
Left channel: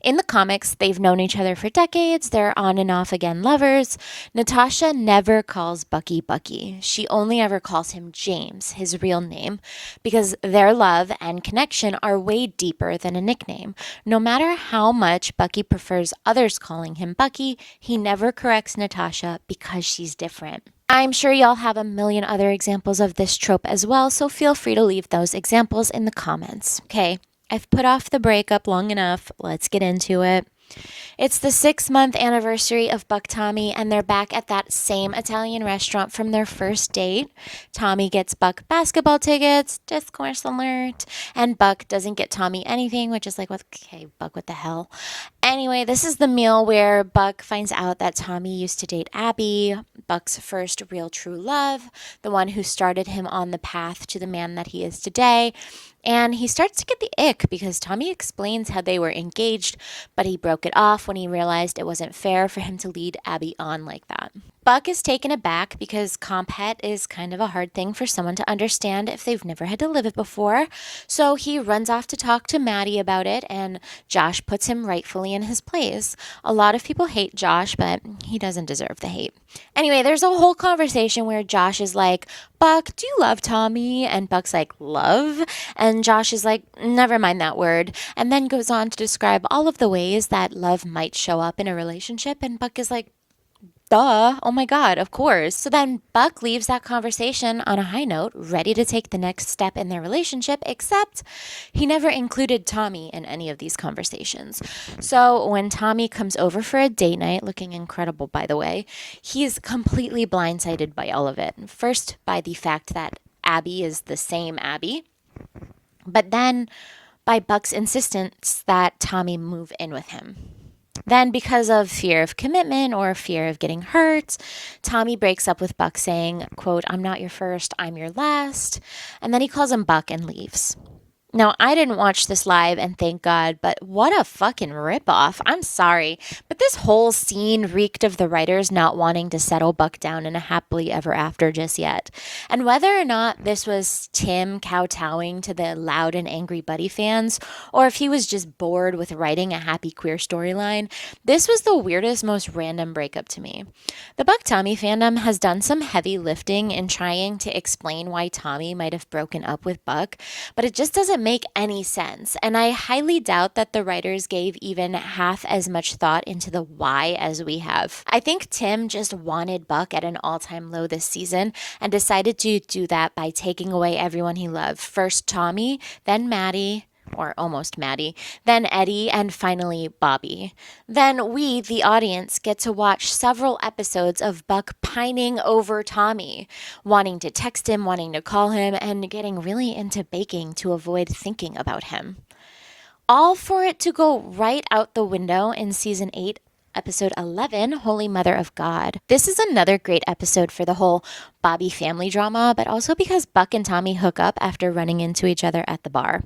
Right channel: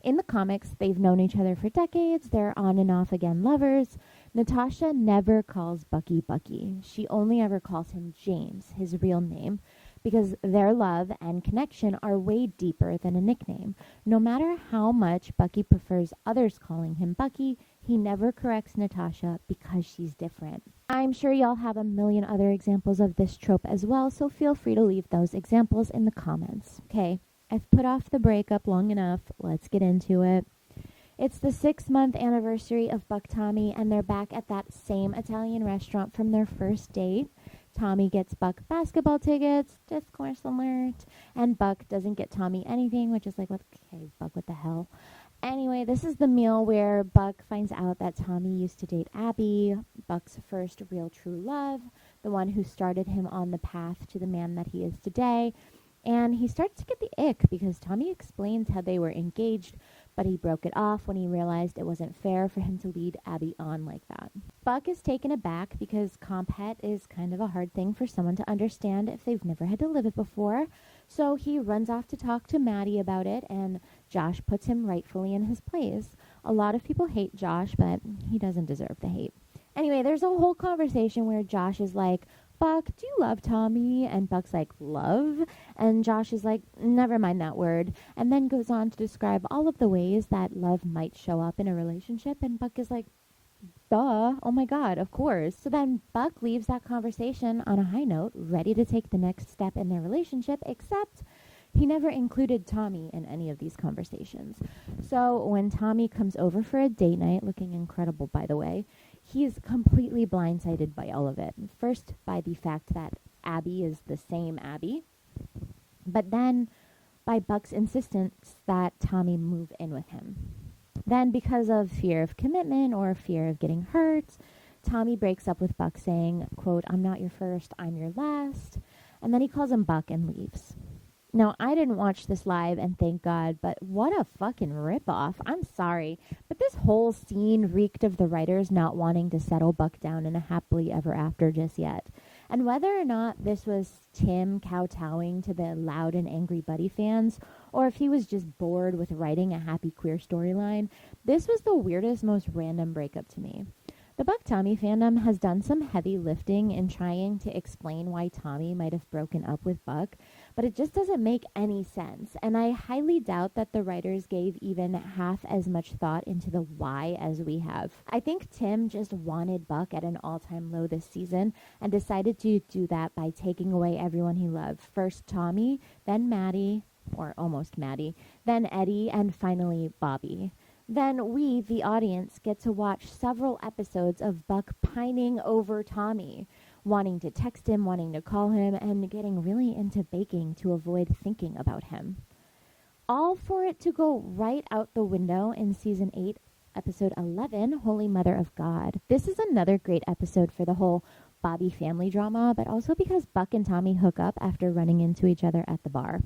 In the comics, they've known each other for decades. They're on and off again lovers. Natasha never calls Bucky Bucky. She only ever calls him James, his real name, because their love and connection are way deeper than a nickname. No matter how much Bucky prefers others calling him Bucky, he never corrects Natasha because she's different. I'm sure y'all have a million other examples of this trope as well, so feel free to leave those examples in the comments. Okay, I've put off the breakup long enough. Let's get into it. It's the 6-month anniversary of Buck Tommy, and they're back at that same Italian restaurant from their first date. Tommy gets Buck basketball tickets, discourse alert, and Buck doesn't get Tommy anything, which is like, okay, Buck, what the hell? Anyway, this is the meal where Buck finds out that Tommy used to date Abby, Buck's first real true love, the one who started him on the path to the man that he is today. And he starts to get the ick because Tommy explains how they were engaged, but he broke it off when he realized it wasn't fair for him to lead Abby on like that. Buck is taken aback because comp het is kind of a hard thing for someone to understand if they've never had to live it before. So he runs off to talk to Maddie about it, and Josh puts him rightfully in his place. A lot of people hate Josh, but he doesn't deserve the hate. Anyway, there's a whole conversation where Josh is like, Buck, do you love Tommy? And Buck's like, love? And Josh is like, never mind that word. And then goes on to describe all of the ways that love might show up in a relationship. And Buck is like, duh, oh my God, of course. So then Buck leaves that conversation on a high note, ready to take the next step in their relationship, except he never included Tommy in any of these conversations. So when Tommy comes over for a date night, looking incredible by the way, he's completely blindsided by all of it. First, by the fact that Abby is the same Abby, but then by Buck's insistence that Tommy move in with him. Then, because of fear of commitment or fear of getting hurt, Tommy breaks up with Buck saying, quote, I'm not your first, I'm your last. And then he calls him Buck and leaves. Now, I didn't watch this live, and thank God, but what a fucking ripoff. I'm sorry, but this whole scene reeked of the writers not wanting to settle Buck down in a happily ever after just yet. And whether or not this was Tim kowtowing to the loud and angry Buddy fans, or if he was just bored with writing a happy queer storyline, this was the weirdest, most random breakup to me. The BuckTommy fandom has done some heavy lifting in trying to explain why Tommy might have broken up with Buck, but it just doesn't make any sense, and I highly doubt that the writers gave even half as much thought into the why as we have. I think Tim just wanted Buck at an all-time low this season and decided to do that by taking away everyone he loved. First Tommy, then Maddie, or almost Maddie, then Eddie, and finally Bobby. Then we, the audience, get to watch several episodes of Buck pining over Tommy, wanting to text him, wanting to call him, and getting really into baking to avoid thinking about him. All for it to go right out the window in Season 8, Episode 11, Holy Mother of God. This is another great episode for the whole Bobby family drama, but also because Buck and Tommy hook up after running into each other at the bar.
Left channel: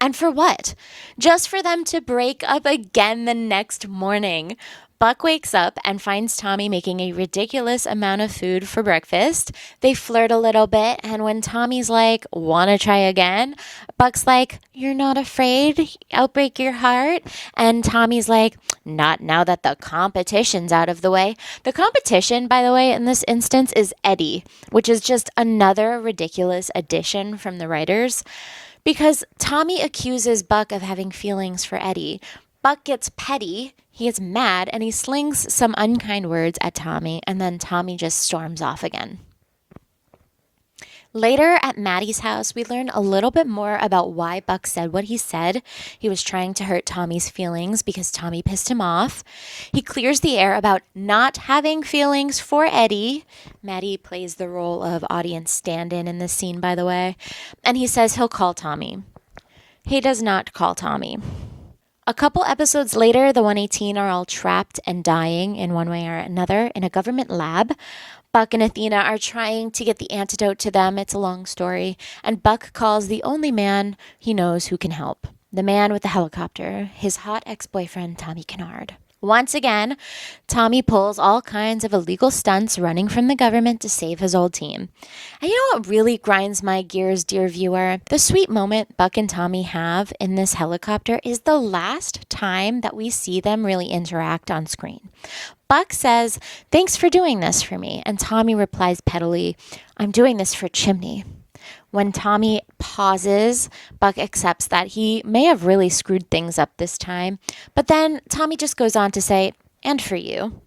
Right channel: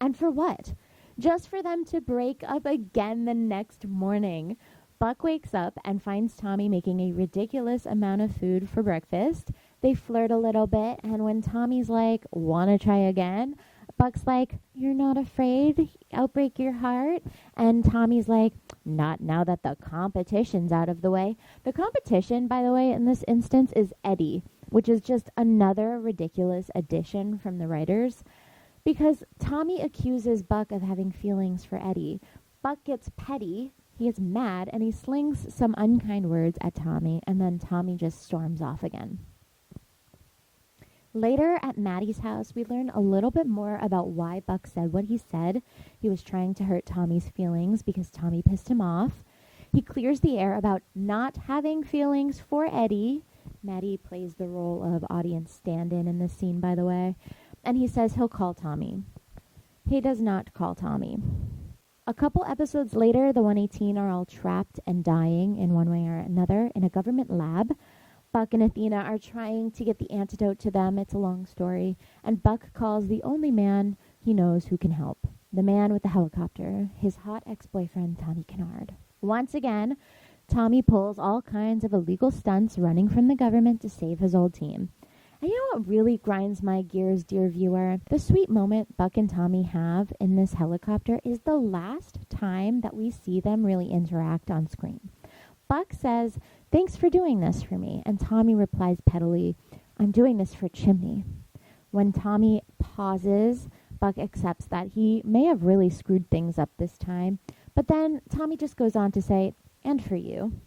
And for what? Just for them to break up again the next morning. Buck wakes up and finds Tommy making a ridiculous amount of food for breakfast. They flirt a little bit, and when Tommy's like, wanna try again? Buck's like, you're not afraid? I'll break your heart? And Tommy's like, not now that the competition's out of the way. The competition, by the way, in this instance is Eddie, which is just another ridiculous addition from the writers. Because Tommy accuses Buck of having feelings for Eddie. Buck gets petty, he gets mad, and he slings some unkind words at Tommy, and then Tommy just storms off again. Later at Maddie's house, we learn a little bit more about why Buck said what he said. He was trying to hurt Tommy's feelings because Tommy pissed him off. He clears the air about not having feelings for Eddie. Maddie plays the role of audience stand-in in this scene, by the way. And he says he'll call Tommy. He does not call Tommy. A couple episodes later, the 118 are all trapped and dying in one way or another in a government lab. Buck and Athena are trying to get the antidote to them. It's a long story. And Buck calls the only man he knows who can help. The man with the helicopter, his hot ex-boyfriend, Tommy Kinard. Once again, Tommy pulls all kinds of illegal stunts running from the government to save his old team. And you know what really grinds my gears, dear viewer? The sweet moment Buck and Tommy have in this helicopter is the last time that we see them really interact on screen. Buck says, "Thanks for doing this for me." And Tommy replies pettily, "I'm doing this for Chimney." When Tommy pauses, Buck accepts that he may have really screwed things up this time. But then Tommy just goes on to say, "And for you."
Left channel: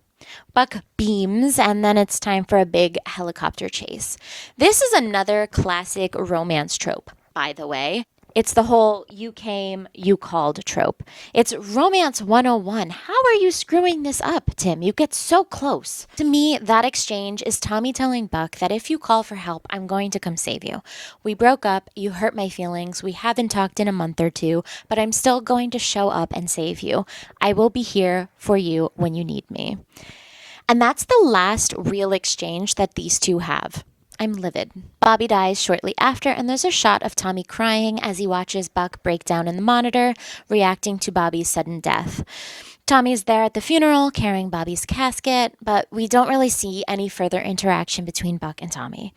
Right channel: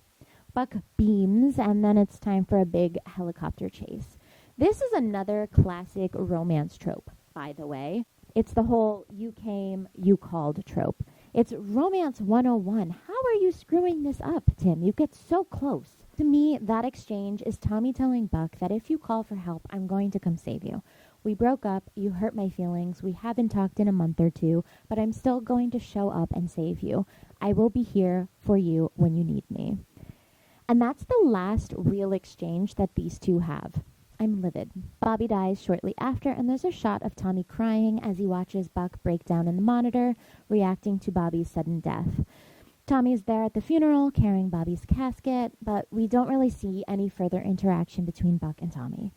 Buck beams, and then it's time for a big helicopter chase. This is another classic romance trope, by the way. It's the whole you came, you called trope. It's romance 101. How are you screwing this up, Tim? You get so close. To me, that exchange is Tommy telling Buck that if you call for help, I'm going to come save you. We broke up, you hurt my feelings, we haven't talked in a month or two, but I'm still going to show up and save you. I will be here for you when you need me. And that's the last real exchange that these two have. I'm livid. Bobby dies shortly after, and there's a shot of Tommy crying as he watches Buck break down in the monitor, reacting to Bobby's sudden death. Tommy's there at the funeral, carrying Bobby's casket, but we don't really see any further interaction between Buck and Tommy.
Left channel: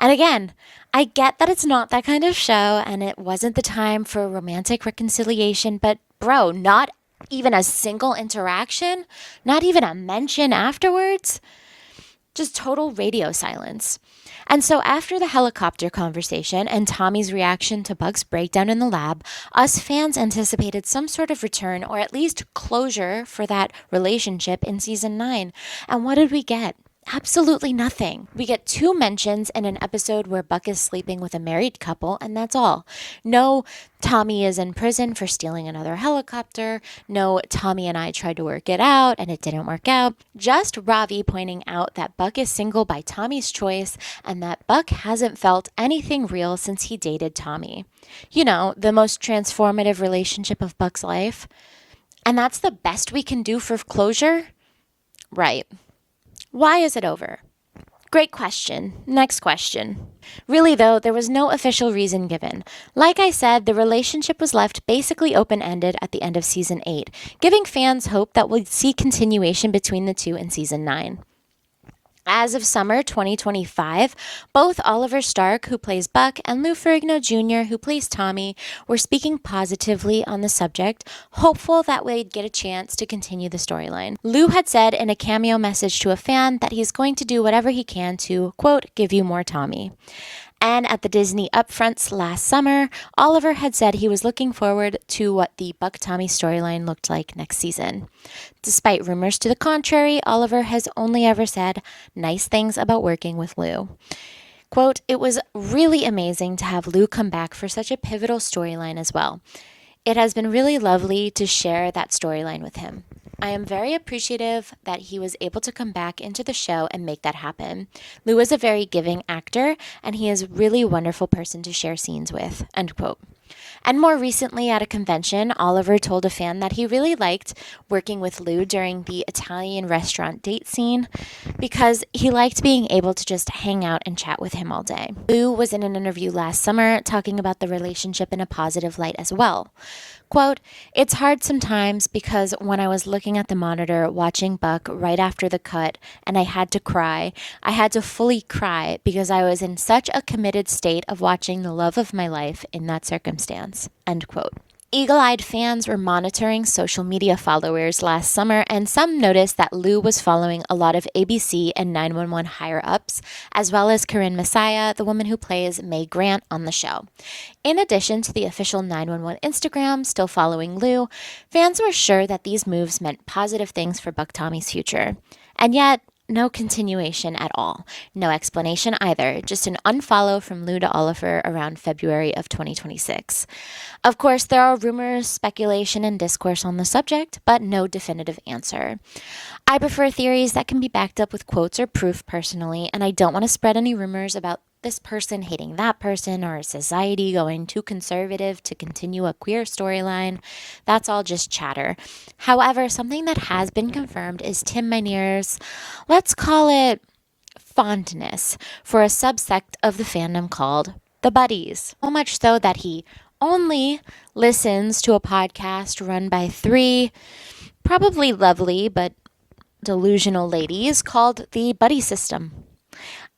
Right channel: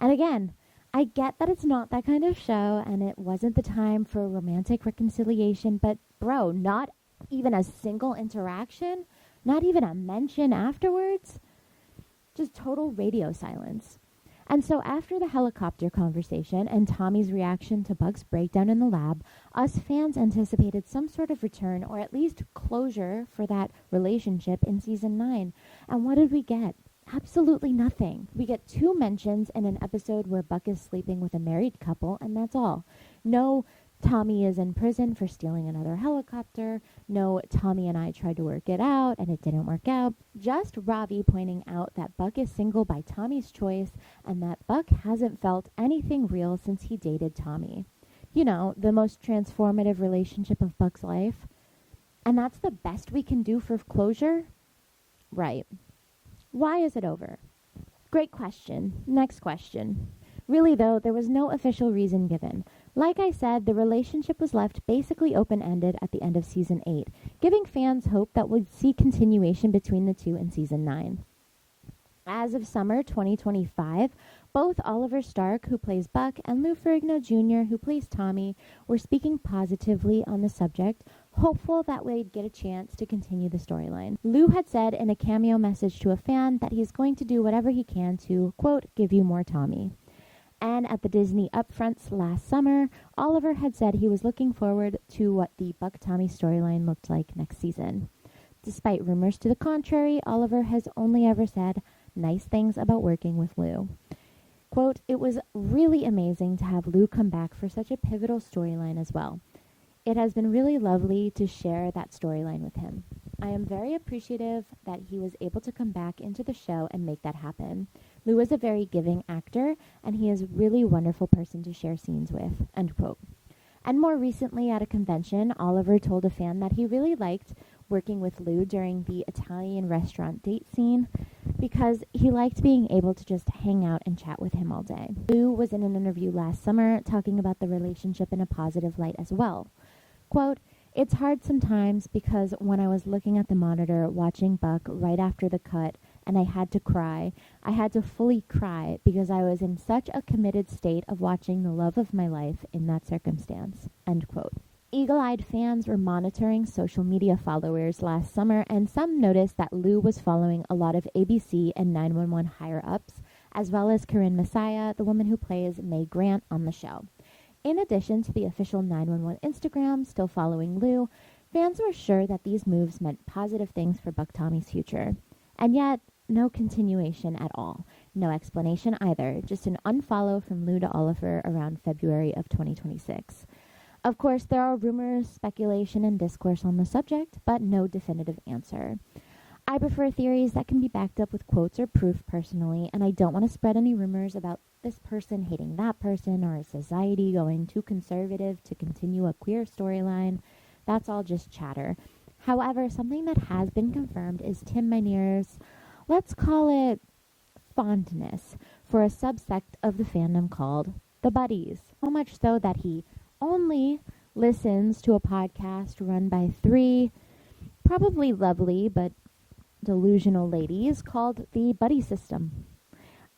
And again, I get that it's not that kind of show, and it wasn't the time for romantic reconciliation, but bro, not even a single interaction? Not even a mention afterwards? Just total radio silence. And so after the helicopter conversation and Tommy's reaction to Buck's breakdown in the lab, us fans anticipated some sort of return or at least closure for that relationship in season 9. And what did we get? Absolutely nothing. We get 2 mentions in an episode where Buck is sleeping with a married couple, and that's all. No, Tommy is in prison for stealing another helicopter. No, Tommy and I tried to work it out, and it didn't work out. Just Ravi pointing out that Buck is single by Tommy's choice, and that Buck hasn't felt anything real since he dated Tommy. You know, the most transformative relationship of Buck's life. And that's the best we can do for closure? Right. Why is it over? Great question. Next question. Really, though, there was no official reason given. Like I said, the relationship was left basically open-ended at the end of Season 8, giving fans hope that we'll see continuation between the two in Season 9. As of summer 2025, both Oliver Stark, who plays Buck, and Lou Ferrigno Jr., who plays Tommy, were speaking positively on the subject, hopeful that we'd get a chance to continue the storyline. Lou had said in a cameo message to a fan that he's going to do whatever he can to, quote, give you more Tommy. And at the Disney upfronts last summer, Oliver had said he was looking forward to what the BuckTommy storyline looked like next season. Despite rumors to the contrary, Oliver has only ever said nice things about working with Lou. Quote, it was really amazing to have Lou come back for such a pivotal storyline as well. It has been really lovely to share that storyline with him. I am very appreciative that he was able to come back into the show and make that happen. Lou is a very giving actor, and he is a really wonderful person to share scenes with, end quote. And more recently at a convention, Oliver told a fan that he really liked working with Lou during the Italian restaurant date scene because he liked being able to just hang out and chat with him all day. Lou was in an interview last summer talking about the relationship in a positive light as well. Quote, it's hard sometimes because when I was looking at the monitor watching Buck right after the cut and I had to cry, I had to fully cry because I was in such a committed state of watching the love of my life in that circumstance, end quote. Eagle-eyed fans were monitoring social media followers last summer, and some noticed that Lou was following a lot of ABC and 911 higher-ups, as well as Corinne Messiah, the woman who plays May Grant on the show. In addition to the official 911 Instagram still following Lou, fans were sure that these moves meant positive things for BuckTommy's future. And yet, no continuation at all. No explanation either, just an unfollow from Lou to Oliver around February of 2026. Of course, there are rumors, speculation, and discourse on the subject, but no definitive answer. I prefer theories that can be backed up with quotes or proof personally, and I don't want to spread any rumors about this person hating that person or society going too conservative to continue a queer storyline. That's all just chatter. However, something that has been confirmed is Tim Minear's, let's call it, fondness for a subsect of the fandom called the Buddies. So much so that he only listens to a podcast run by three probably lovely but delusional ladies called the Buddy System.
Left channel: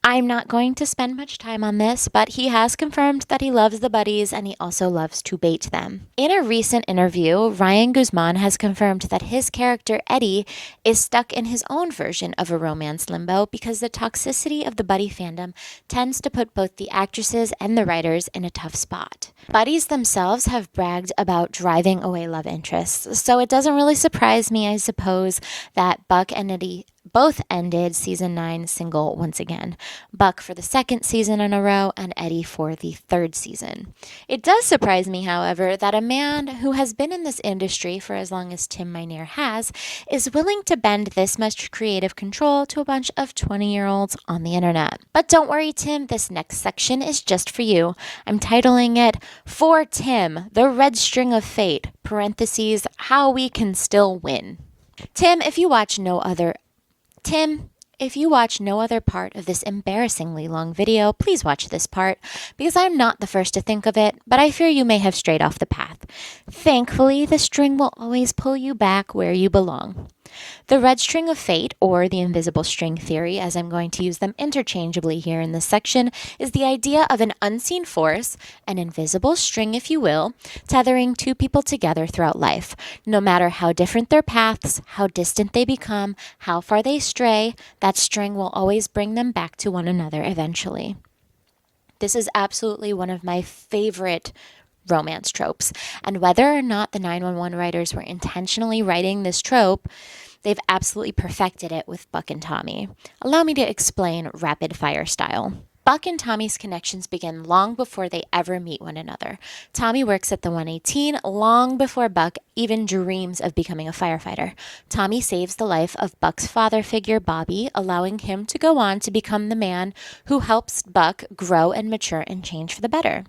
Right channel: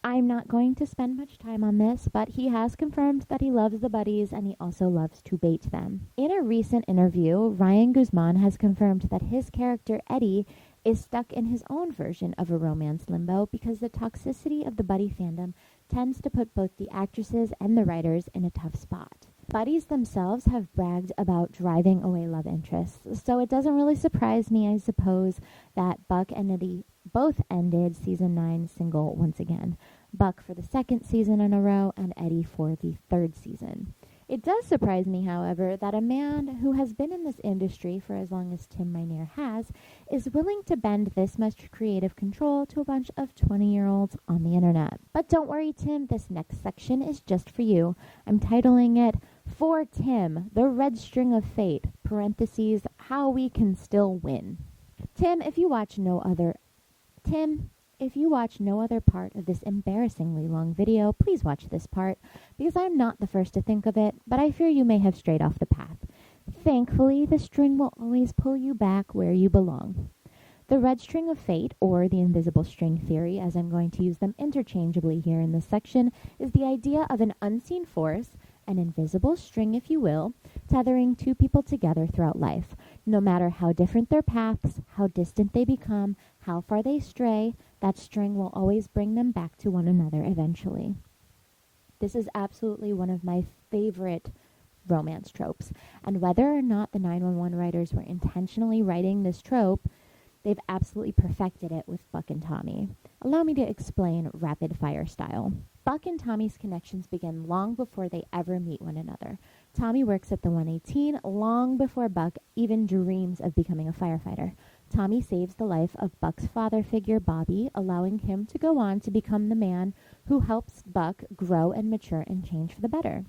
I'm not going to spend much time on this, but he has confirmed that he loves the buddies and he also loves to bait them. In a recent interview, Ryan Guzman has confirmed that his character Eddie is stuck in his own version of a romance limbo because the toxicity of the buddy fandom tends to put both the actresses and the writers in a tough spot. Buddies themselves have bragged about driving away love interests, so it doesn't really surprise me, I suppose, that Buck and Eddie both ended season 9 single once again. Buck for the second season in a row and Eddie for the third season. It does surprise me, however, that a man who has been in this industry for as long as Tim Minear has is willing to bend this much creative control to a bunch of 20-year-olds on the internet. But don't worry, Tim, this next section is just for you. I'm titling it, For Tim, the Red String of Fate, parentheses, How We Can Still Win. Tim, if you watch no other part of this embarrassingly long video, please watch this part, because I'm not the first to think of it, but I fear you may have strayed off the path. Thankfully, the string will always pull you back where you belong. The red string of fate, or the invisible string theory, as I'm going to use them interchangeably here in this section, is the idea of an unseen force, an invisible string if you will, tethering two people together throughout life. No matter how different their paths, how distant they become, how far they stray, that string will always bring them back to one another eventually. This is absolutely one of my favorite romance tropes, and whether or not the 911 writers were intentionally writing this trope, they've absolutely perfected it with Buck and Tommy. Allow me to explain rapid fire style. Buck and Tommy's connections begin long before they ever meet one another. Tommy works at the 118 long before Buck even dreams of becoming a firefighter. Tommy saves the life of Buck's father figure, Bobby, allowing him to go on to become the man who helps Buck grow and mature and change for the better.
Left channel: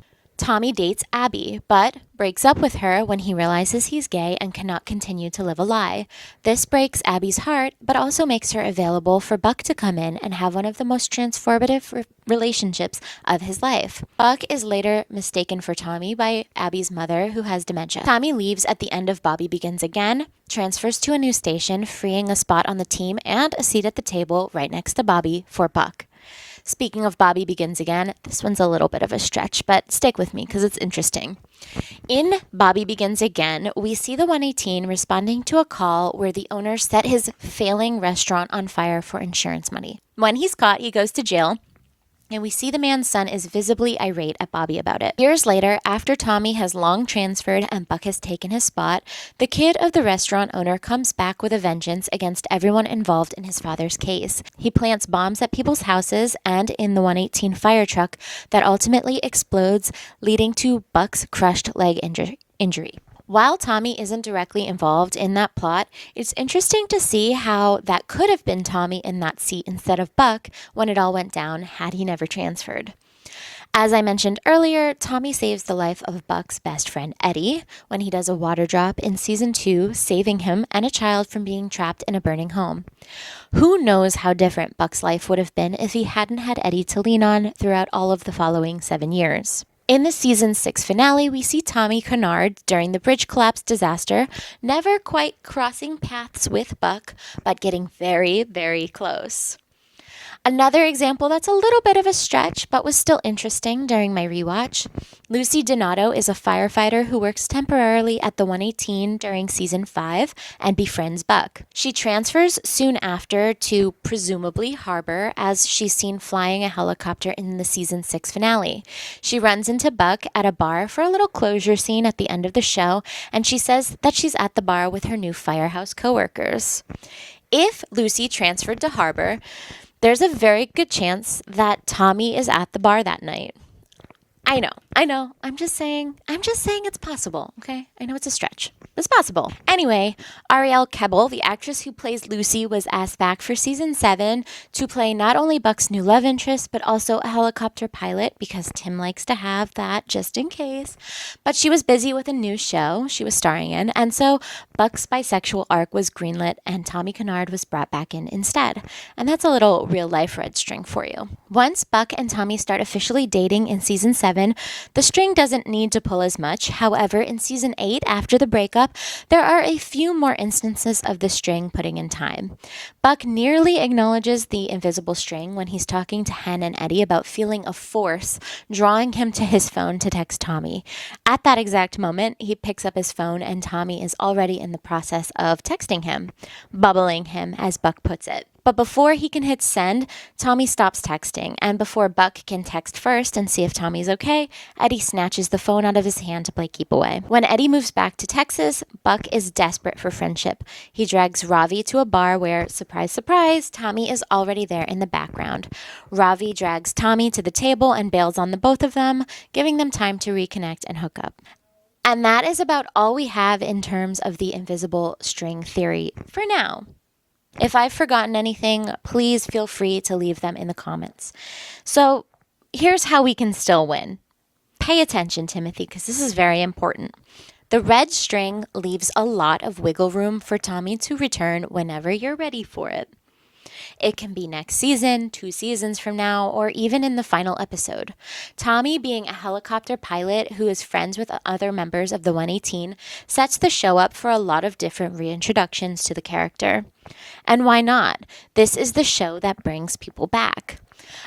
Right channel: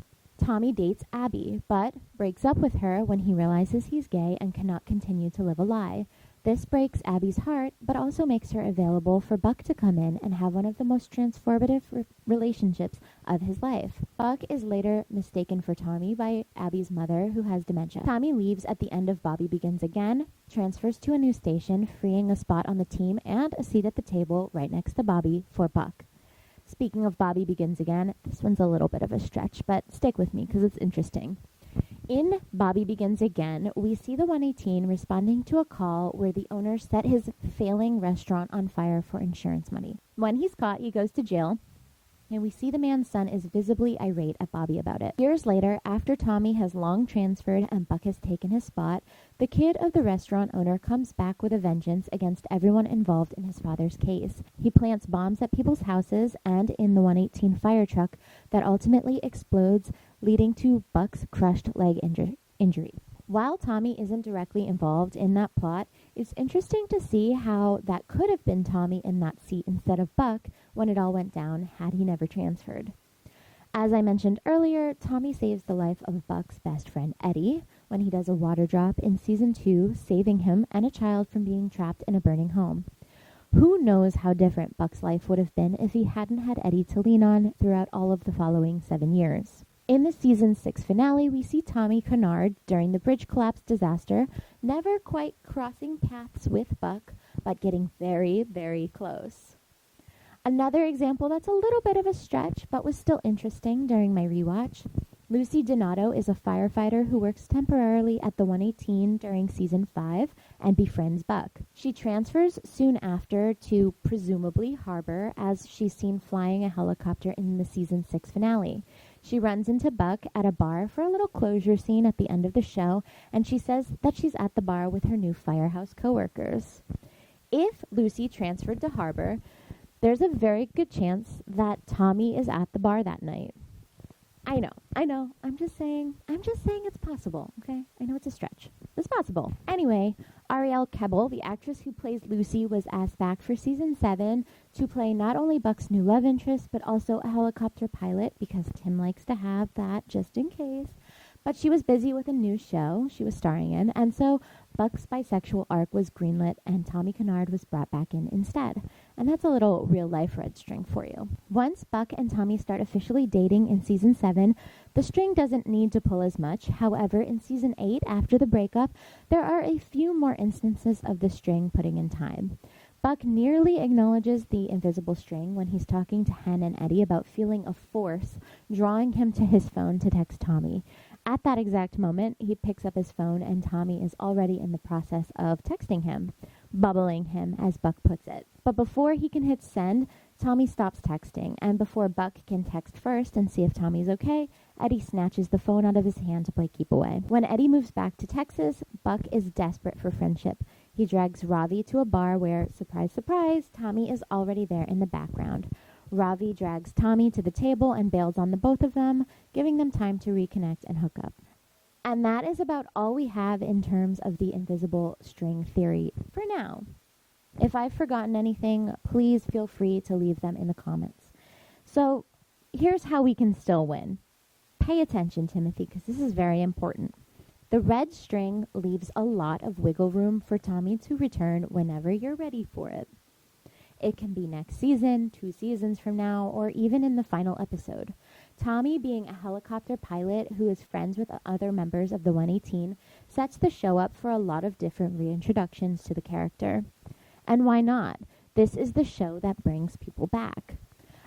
Tommy dates Abby, but breaks up with her when he realizes he's gay and cannot continue to live a lie. This breaks Abby's heart, but also makes her available for Buck to come in and have one of the most transformative relationships of his life. Buck is later mistaken for Tommy by Abby's mother, who has dementia. Tommy leaves at the end of Bobby Begins Again, transfers to a new station, freeing a spot on the team and a seat at the table right next to Bobby for Buck. Speaking of Bobby Begins Again, this one's a little bit of a stretch, but stick with me because it's interesting. In Bobby Begins Again, we see the 118 responding to a call where the owner set his failing restaurant on fire for insurance money. When he's caught, he goes to jail, and we see the man's son is visibly irate at Bobby about it. Years later, after Tommy has long transferred and Buck has taken his spot, the kid of the restaurant owner comes back with a vengeance against everyone involved in his father's case. He plants bombs at people's houses and in the 118 fire truck that ultimately explodes, leading to Buck's crushed leg injury. While Tommy isn't directly involved in that plot, it's interesting to see how that could have been Tommy in that seat instead of Buck when it all went down had he never transferred. As I mentioned earlier, Tommy saves the life of Buck's best friend Eddie when he does a water drop in season 2, saving him and a child from being trapped in a burning home. Who knows how different Buck's life would have been if he hadn't had Eddie to lean on throughout all of the following 7 years. In the season 6 finale, we see Tommy Kinard during the bridge collapse disaster, never quite crossing paths with Buck, but getting very, very close. Another example that's a little bit of a stretch, but was still interesting during my rewatch. Lucy Donato is a firefighter who works temporarily at the 118 during season 5 and befriends Buck. She transfers soon after to presumably Harbor as she's seen flying a helicopter in the season 6 finale. She runs into Buck at a bar for a little closure scene at the end of the show, and she says that she's at the bar with her new firehouse coworkers. If Lucy transferred to Harbor, there's a very good chance that Tommy is at the bar that night. I know. I'm just saying it's possible, okay? I know it's a stretch. It's possible. Anyway, Ariel Kebbel, the actress who plays Lucy, was asked back for season 7 to play not only Buck's new love interest, but also a helicopter pilot because Tim likes to have that just in case. But she was busy with a new show she was starring in, and so Buck's bisexual arc was greenlit and Tommy Kinard was brought back in instead. And that's a little real-life red string for you. Once Buck and Tommy start officially dating in season 7, the string doesn't need to pull as much. However, in season 8, after the breakup, there are a few more instances of the string putting in time. Buck nearly acknowledges the invisible string when he's talking to Hen and Eddie about feeling a force drawing him to his phone to text Tommy. At that exact moment, he picks up his phone and Tommy is already in the process of texting him, bubbling him, as Buck puts it. But before he can hit send, Tommy stops texting, and before Buck can text first and see if Tommy's okay, Eddie snatches the phone out of his hand to play keep away. When Eddie moves back to Texas, Buck is desperate for friendship. He drags Ravi to a bar where, surprise, surprise, Tommy is already there in the background. Ravi drags Tommy to the table and bails on the both of them, giving them time to reconnect and hook up. And that is about all we have in terms of the invisible string theory for now. If I've forgotten anything, please feel free to leave them in the comments. So here's how we can still win. Pay attention, Timothy, because this is very important. The red string leaves a lot of wiggle room for Tommy to return whenever you're ready for it. It can be next season, 2 seasons from now, or even in the final episode. Tommy, being a helicopter pilot who is friends with other members of the 118, sets the show up for a lot of different reintroductions to the character. And why not? This is the show that brings people back.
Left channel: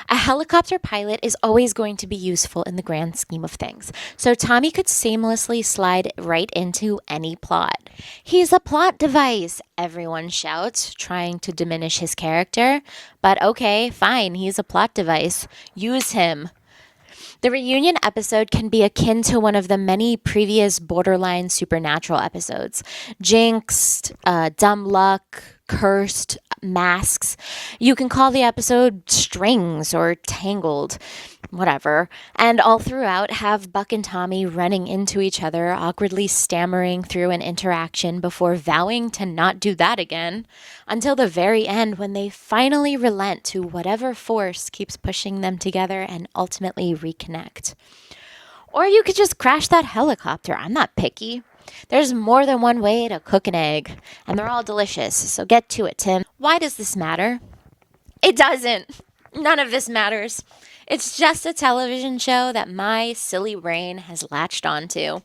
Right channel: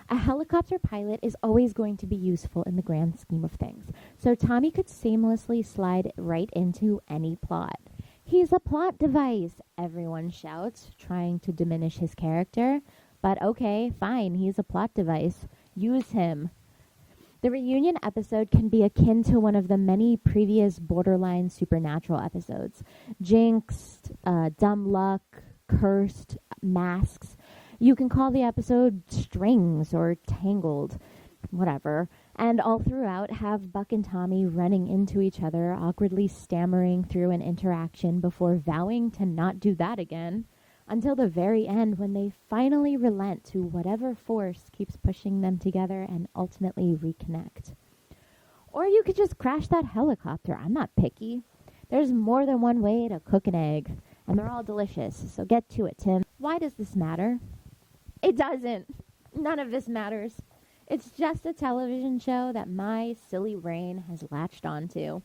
A helicopter pilot is always going to be useful in the grand scheme of things, so Tommy could seamlessly slide right into any plot. He's a plot device, everyone shouts, trying to diminish his character. But okay, fine, he's a plot device. Use him. The reunion episode can be akin to one of the many previous borderline supernatural episodes. Jinxed, Dumb Luck, Cursed, Masks. You can call the episode Strings or Tangled, whatever. And all throughout have Buck and Tommy running into each other, awkwardly stammering through an interaction before vowing to not do that again, until the very end when they finally relent to whatever force keeps pushing them together and ultimately reconnect. Or you could just crash that helicopter. I'm not picky. There's more than one way to cook an egg, and they're all delicious. So get to it, Tim. Why does this matter? It doesn't. None of this matters. It's just a television show that my silly brain has latched onto.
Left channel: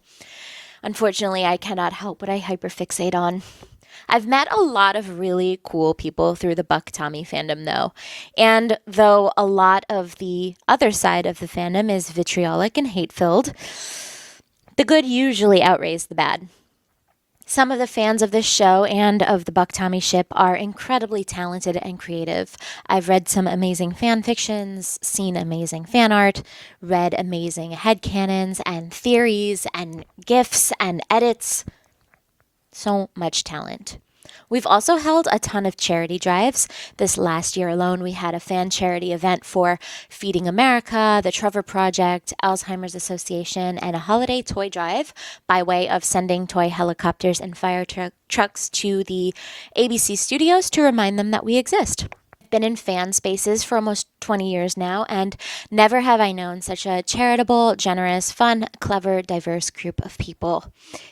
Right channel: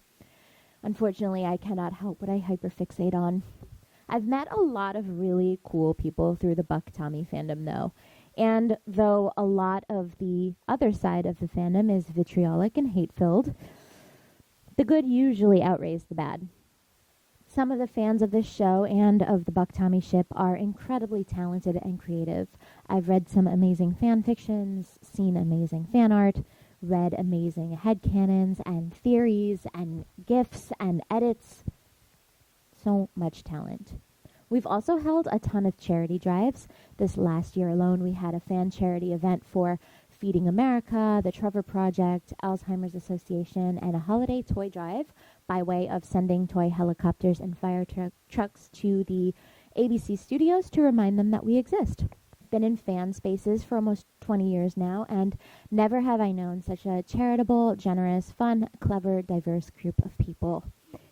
Unfortunately, I cannot help what I hyperfixate on. I've met a lot of really cool people through the BuckTommy fandom, though. And though a lot of the other side of the fandom is vitriolic and hate-filled, the good usually outweighs the bad. Some of the fans of this show and of the BuckTommy ship are incredibly talented and creative. I've read some amazing fan fictions, seen amazing fan art, read amazing headcanons and theories and GIFs and edits. So much talent. We've also held a ton of charity drives. This last year alone, we had a fan charity event for Feeding America, the Trevor Project, Alzheimer's Association, and a holiday toy drive by way of sending toy helicopters and fire trucks to the ABC studios to remind them that we exist. Been in fan spaces for almost 20 years now, and never have I known such a charitable, generous, fun, clever, diverse group of people.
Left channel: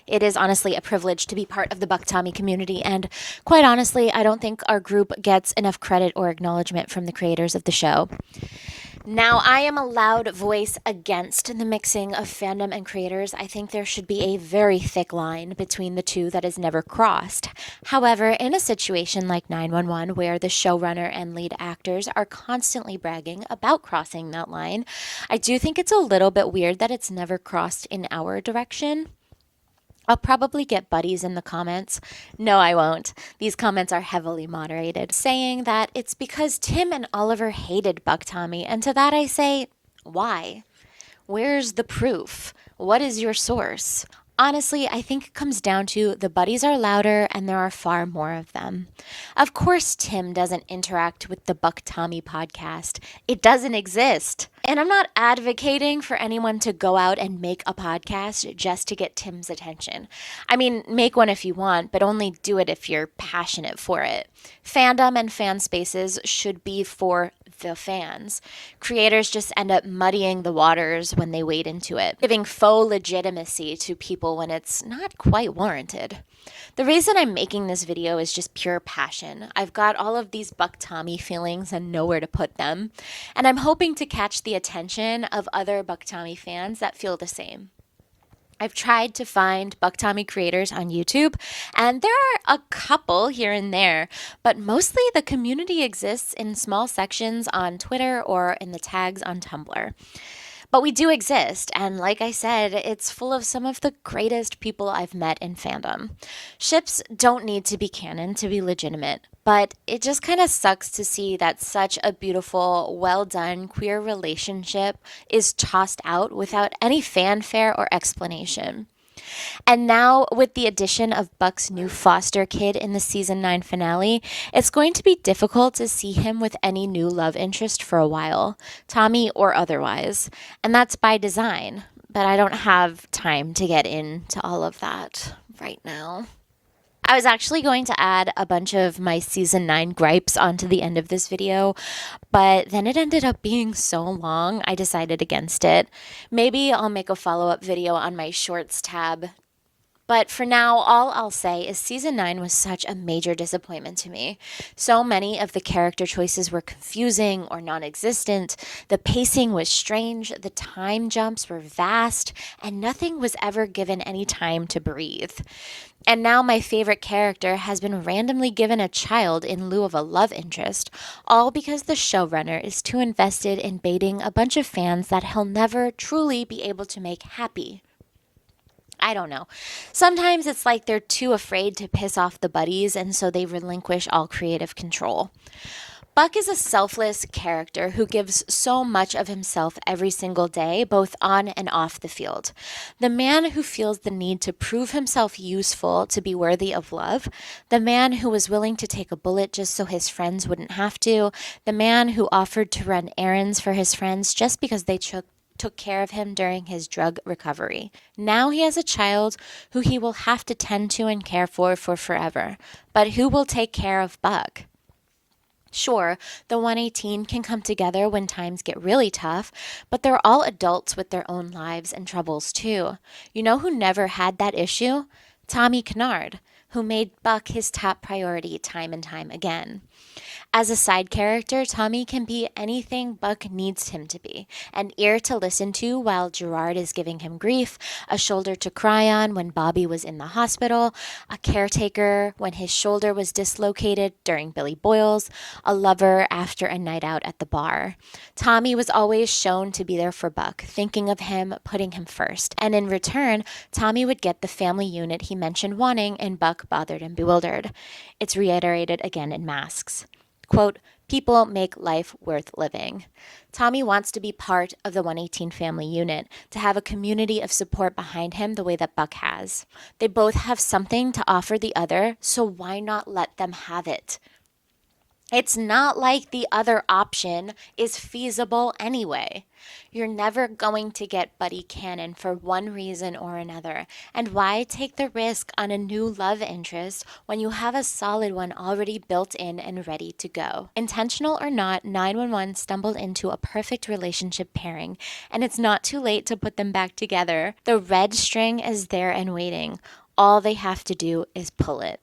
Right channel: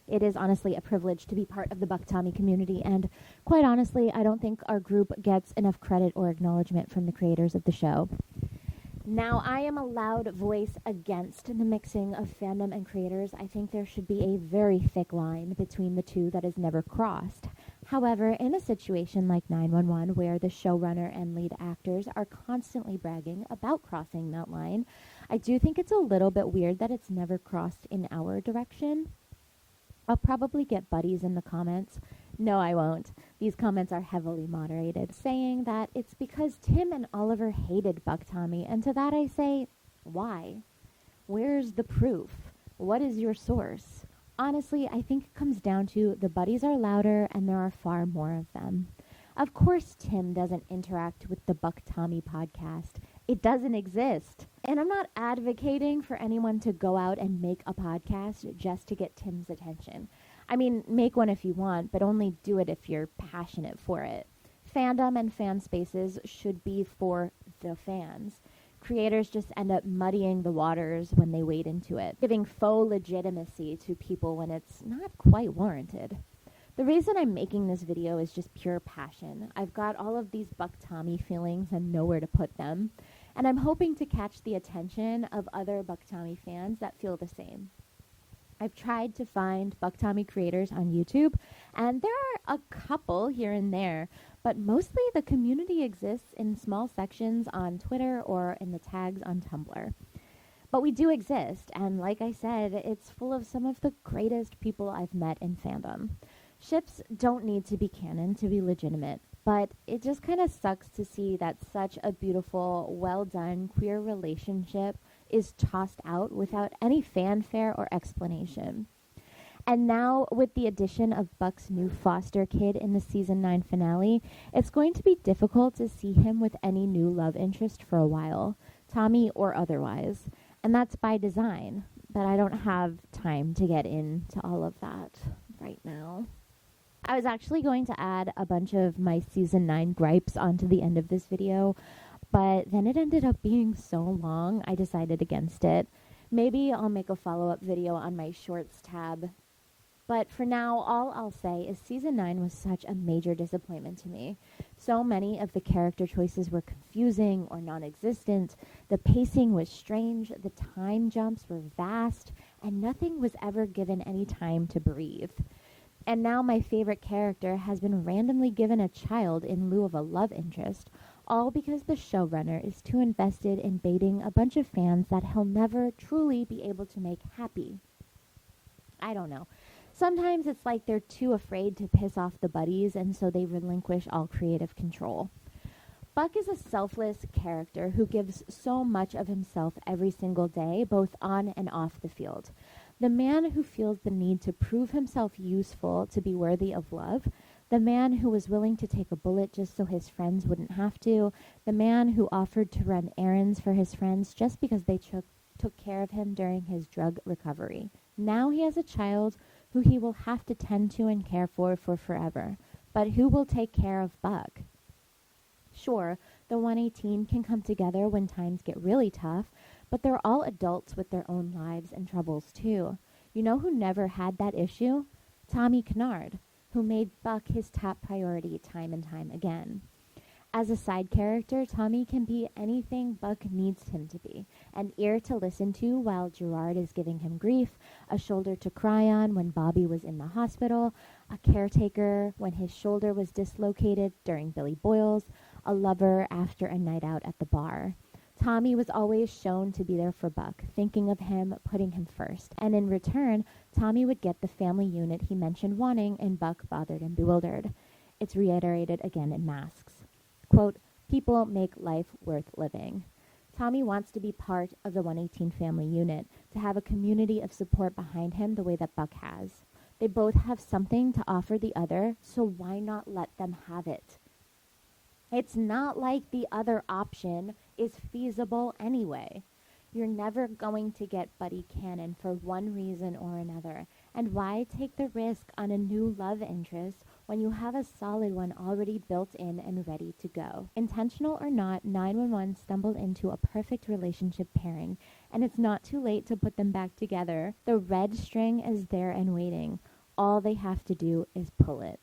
It is honestly a privilege to be part of the BuckTommy community, and quite honestly, I don't think our group gets enough credit or acknowledgement from the creators of the show. Now, I am a loud voice against the mixing of fandom and creators. I think there should be a very thick line between the two that is never crossed. However, in a situation like 911, where the showrunner and lead actors are constantly bragging about crossing that line, I do think it's a little bit weird that it's never crossed in our direction. I'll probably get buddies in the comments. No, I won't. These comments are heavily moderated, saying that it's because Tim and Oliver hated BuckTommy, and to that I say, why? Where's the proof? What is your source? Honestly, I think it comes down to the buddies are louder and there are far more of them. Of course, Tim doesn't interact with the BuckTommy podcast. It doesn't exist. And I'm not advocating for anyone to go out and make a podcast just to get Tim's attention. I mean, make one if you want, but only do it if you're passionate for it. Fandom and fan spaces should be for the fans. Creators just end up muddying the waters when they wade into it, giving faux legitimacy to people when it's not quite warranted. The reason I'm making this video is just pure passion. I've got all of these BuckTommy feelings and nowhere to put them, and I'm hoping to catch the attention of other BuckTommy fans that feel the same. I've tried to find BuckTommy creators on YouTube, and there are a couple here and there, but mostly the community exists in small sections on Twitter or in the tags on Tumblr. But we do exist, and like I said, it's full of some of the greatest people I've met in fandom. Ships don't need to be canon to be legitimate, but it just kind of sucks to see that such a beautiful, well-done queer relationship is tossed out without any fanfare or explanation. And now, with the addition of Buck's new foster kid in the season 9 finale, it's going to be difficult to see him with any new love interest for a while, Tommy or otherwise. And that's by design, but I don't have time to get into all of that right now. I was actually going to add a bunch of my season 9 gripes onto the end of this video, but then it ended up being so long, I decided against it. Maybe I'll make a follow-up video on my shorts tab. But for now, all I'll say is season 9 was such a major disappointment to me. So many of the character choices were confusing or non-existent. The pacing was strange, the time jumps were vast, and nothing was ever given any time to breathe. And now my favorite character has been randomly given a child in lieu of a love interest, all because the showrunner is too invested in baiting a bunch of fans that he'll never truly be able to make happy. I don't know. Sometimes it's like they're too afraid to piss off the buddies, and so they relinquish all creative control. Buck is a selfless character who gives so much of himself every single day, both on and off the field. The man who feels the need to prove himself useful to be worthy of love. The man who was willing to take a bullet just so his friends wouldn't have to. The man who offered to run errands for his friends just because they took care of him during his drug recovery. Now he has a child who he will have to tend to and care for forever. But who will take care of Buck? Sure, the 118 can come together when times get really tough, but they're all adults with their own lives and troubles too. You know who never had that issue? Tommy Kinard, who made Buck his top priority time and time again. As a side character, Tommy can be anything Buck needs him to be: an ear to listen to while Gerard is giving him grief, a shoulder to cry on when Bobby was in the hospital, a caretaker when his shoulder was dislocated during Billy Boyles, a lover after a night out at the bar. Tommy was always shown to be there for Buck, thinking of him, putting him first, and in return, Tommy would get the family unit he mentioned wanting in Buck Bothered and Bewildered. It's reiterated again in Masks. Quote, people make life worth living. Tommy wants to be part of the 118 family unit, to have a community of support behind him the way that Buck has. They both have something to offer the other, so why not let them have it? It's not like the other option is feasible anyway. You're never going to get Buddy Cannon for one reason or another. And why take the risk on a new love interest when you have a solid one already built in and ready to go? Intentional or not, 911 stumbled into a perfect relationship pairing, and it's not too late to put them back together. The red string is there and waiting. All they have to do is pull it.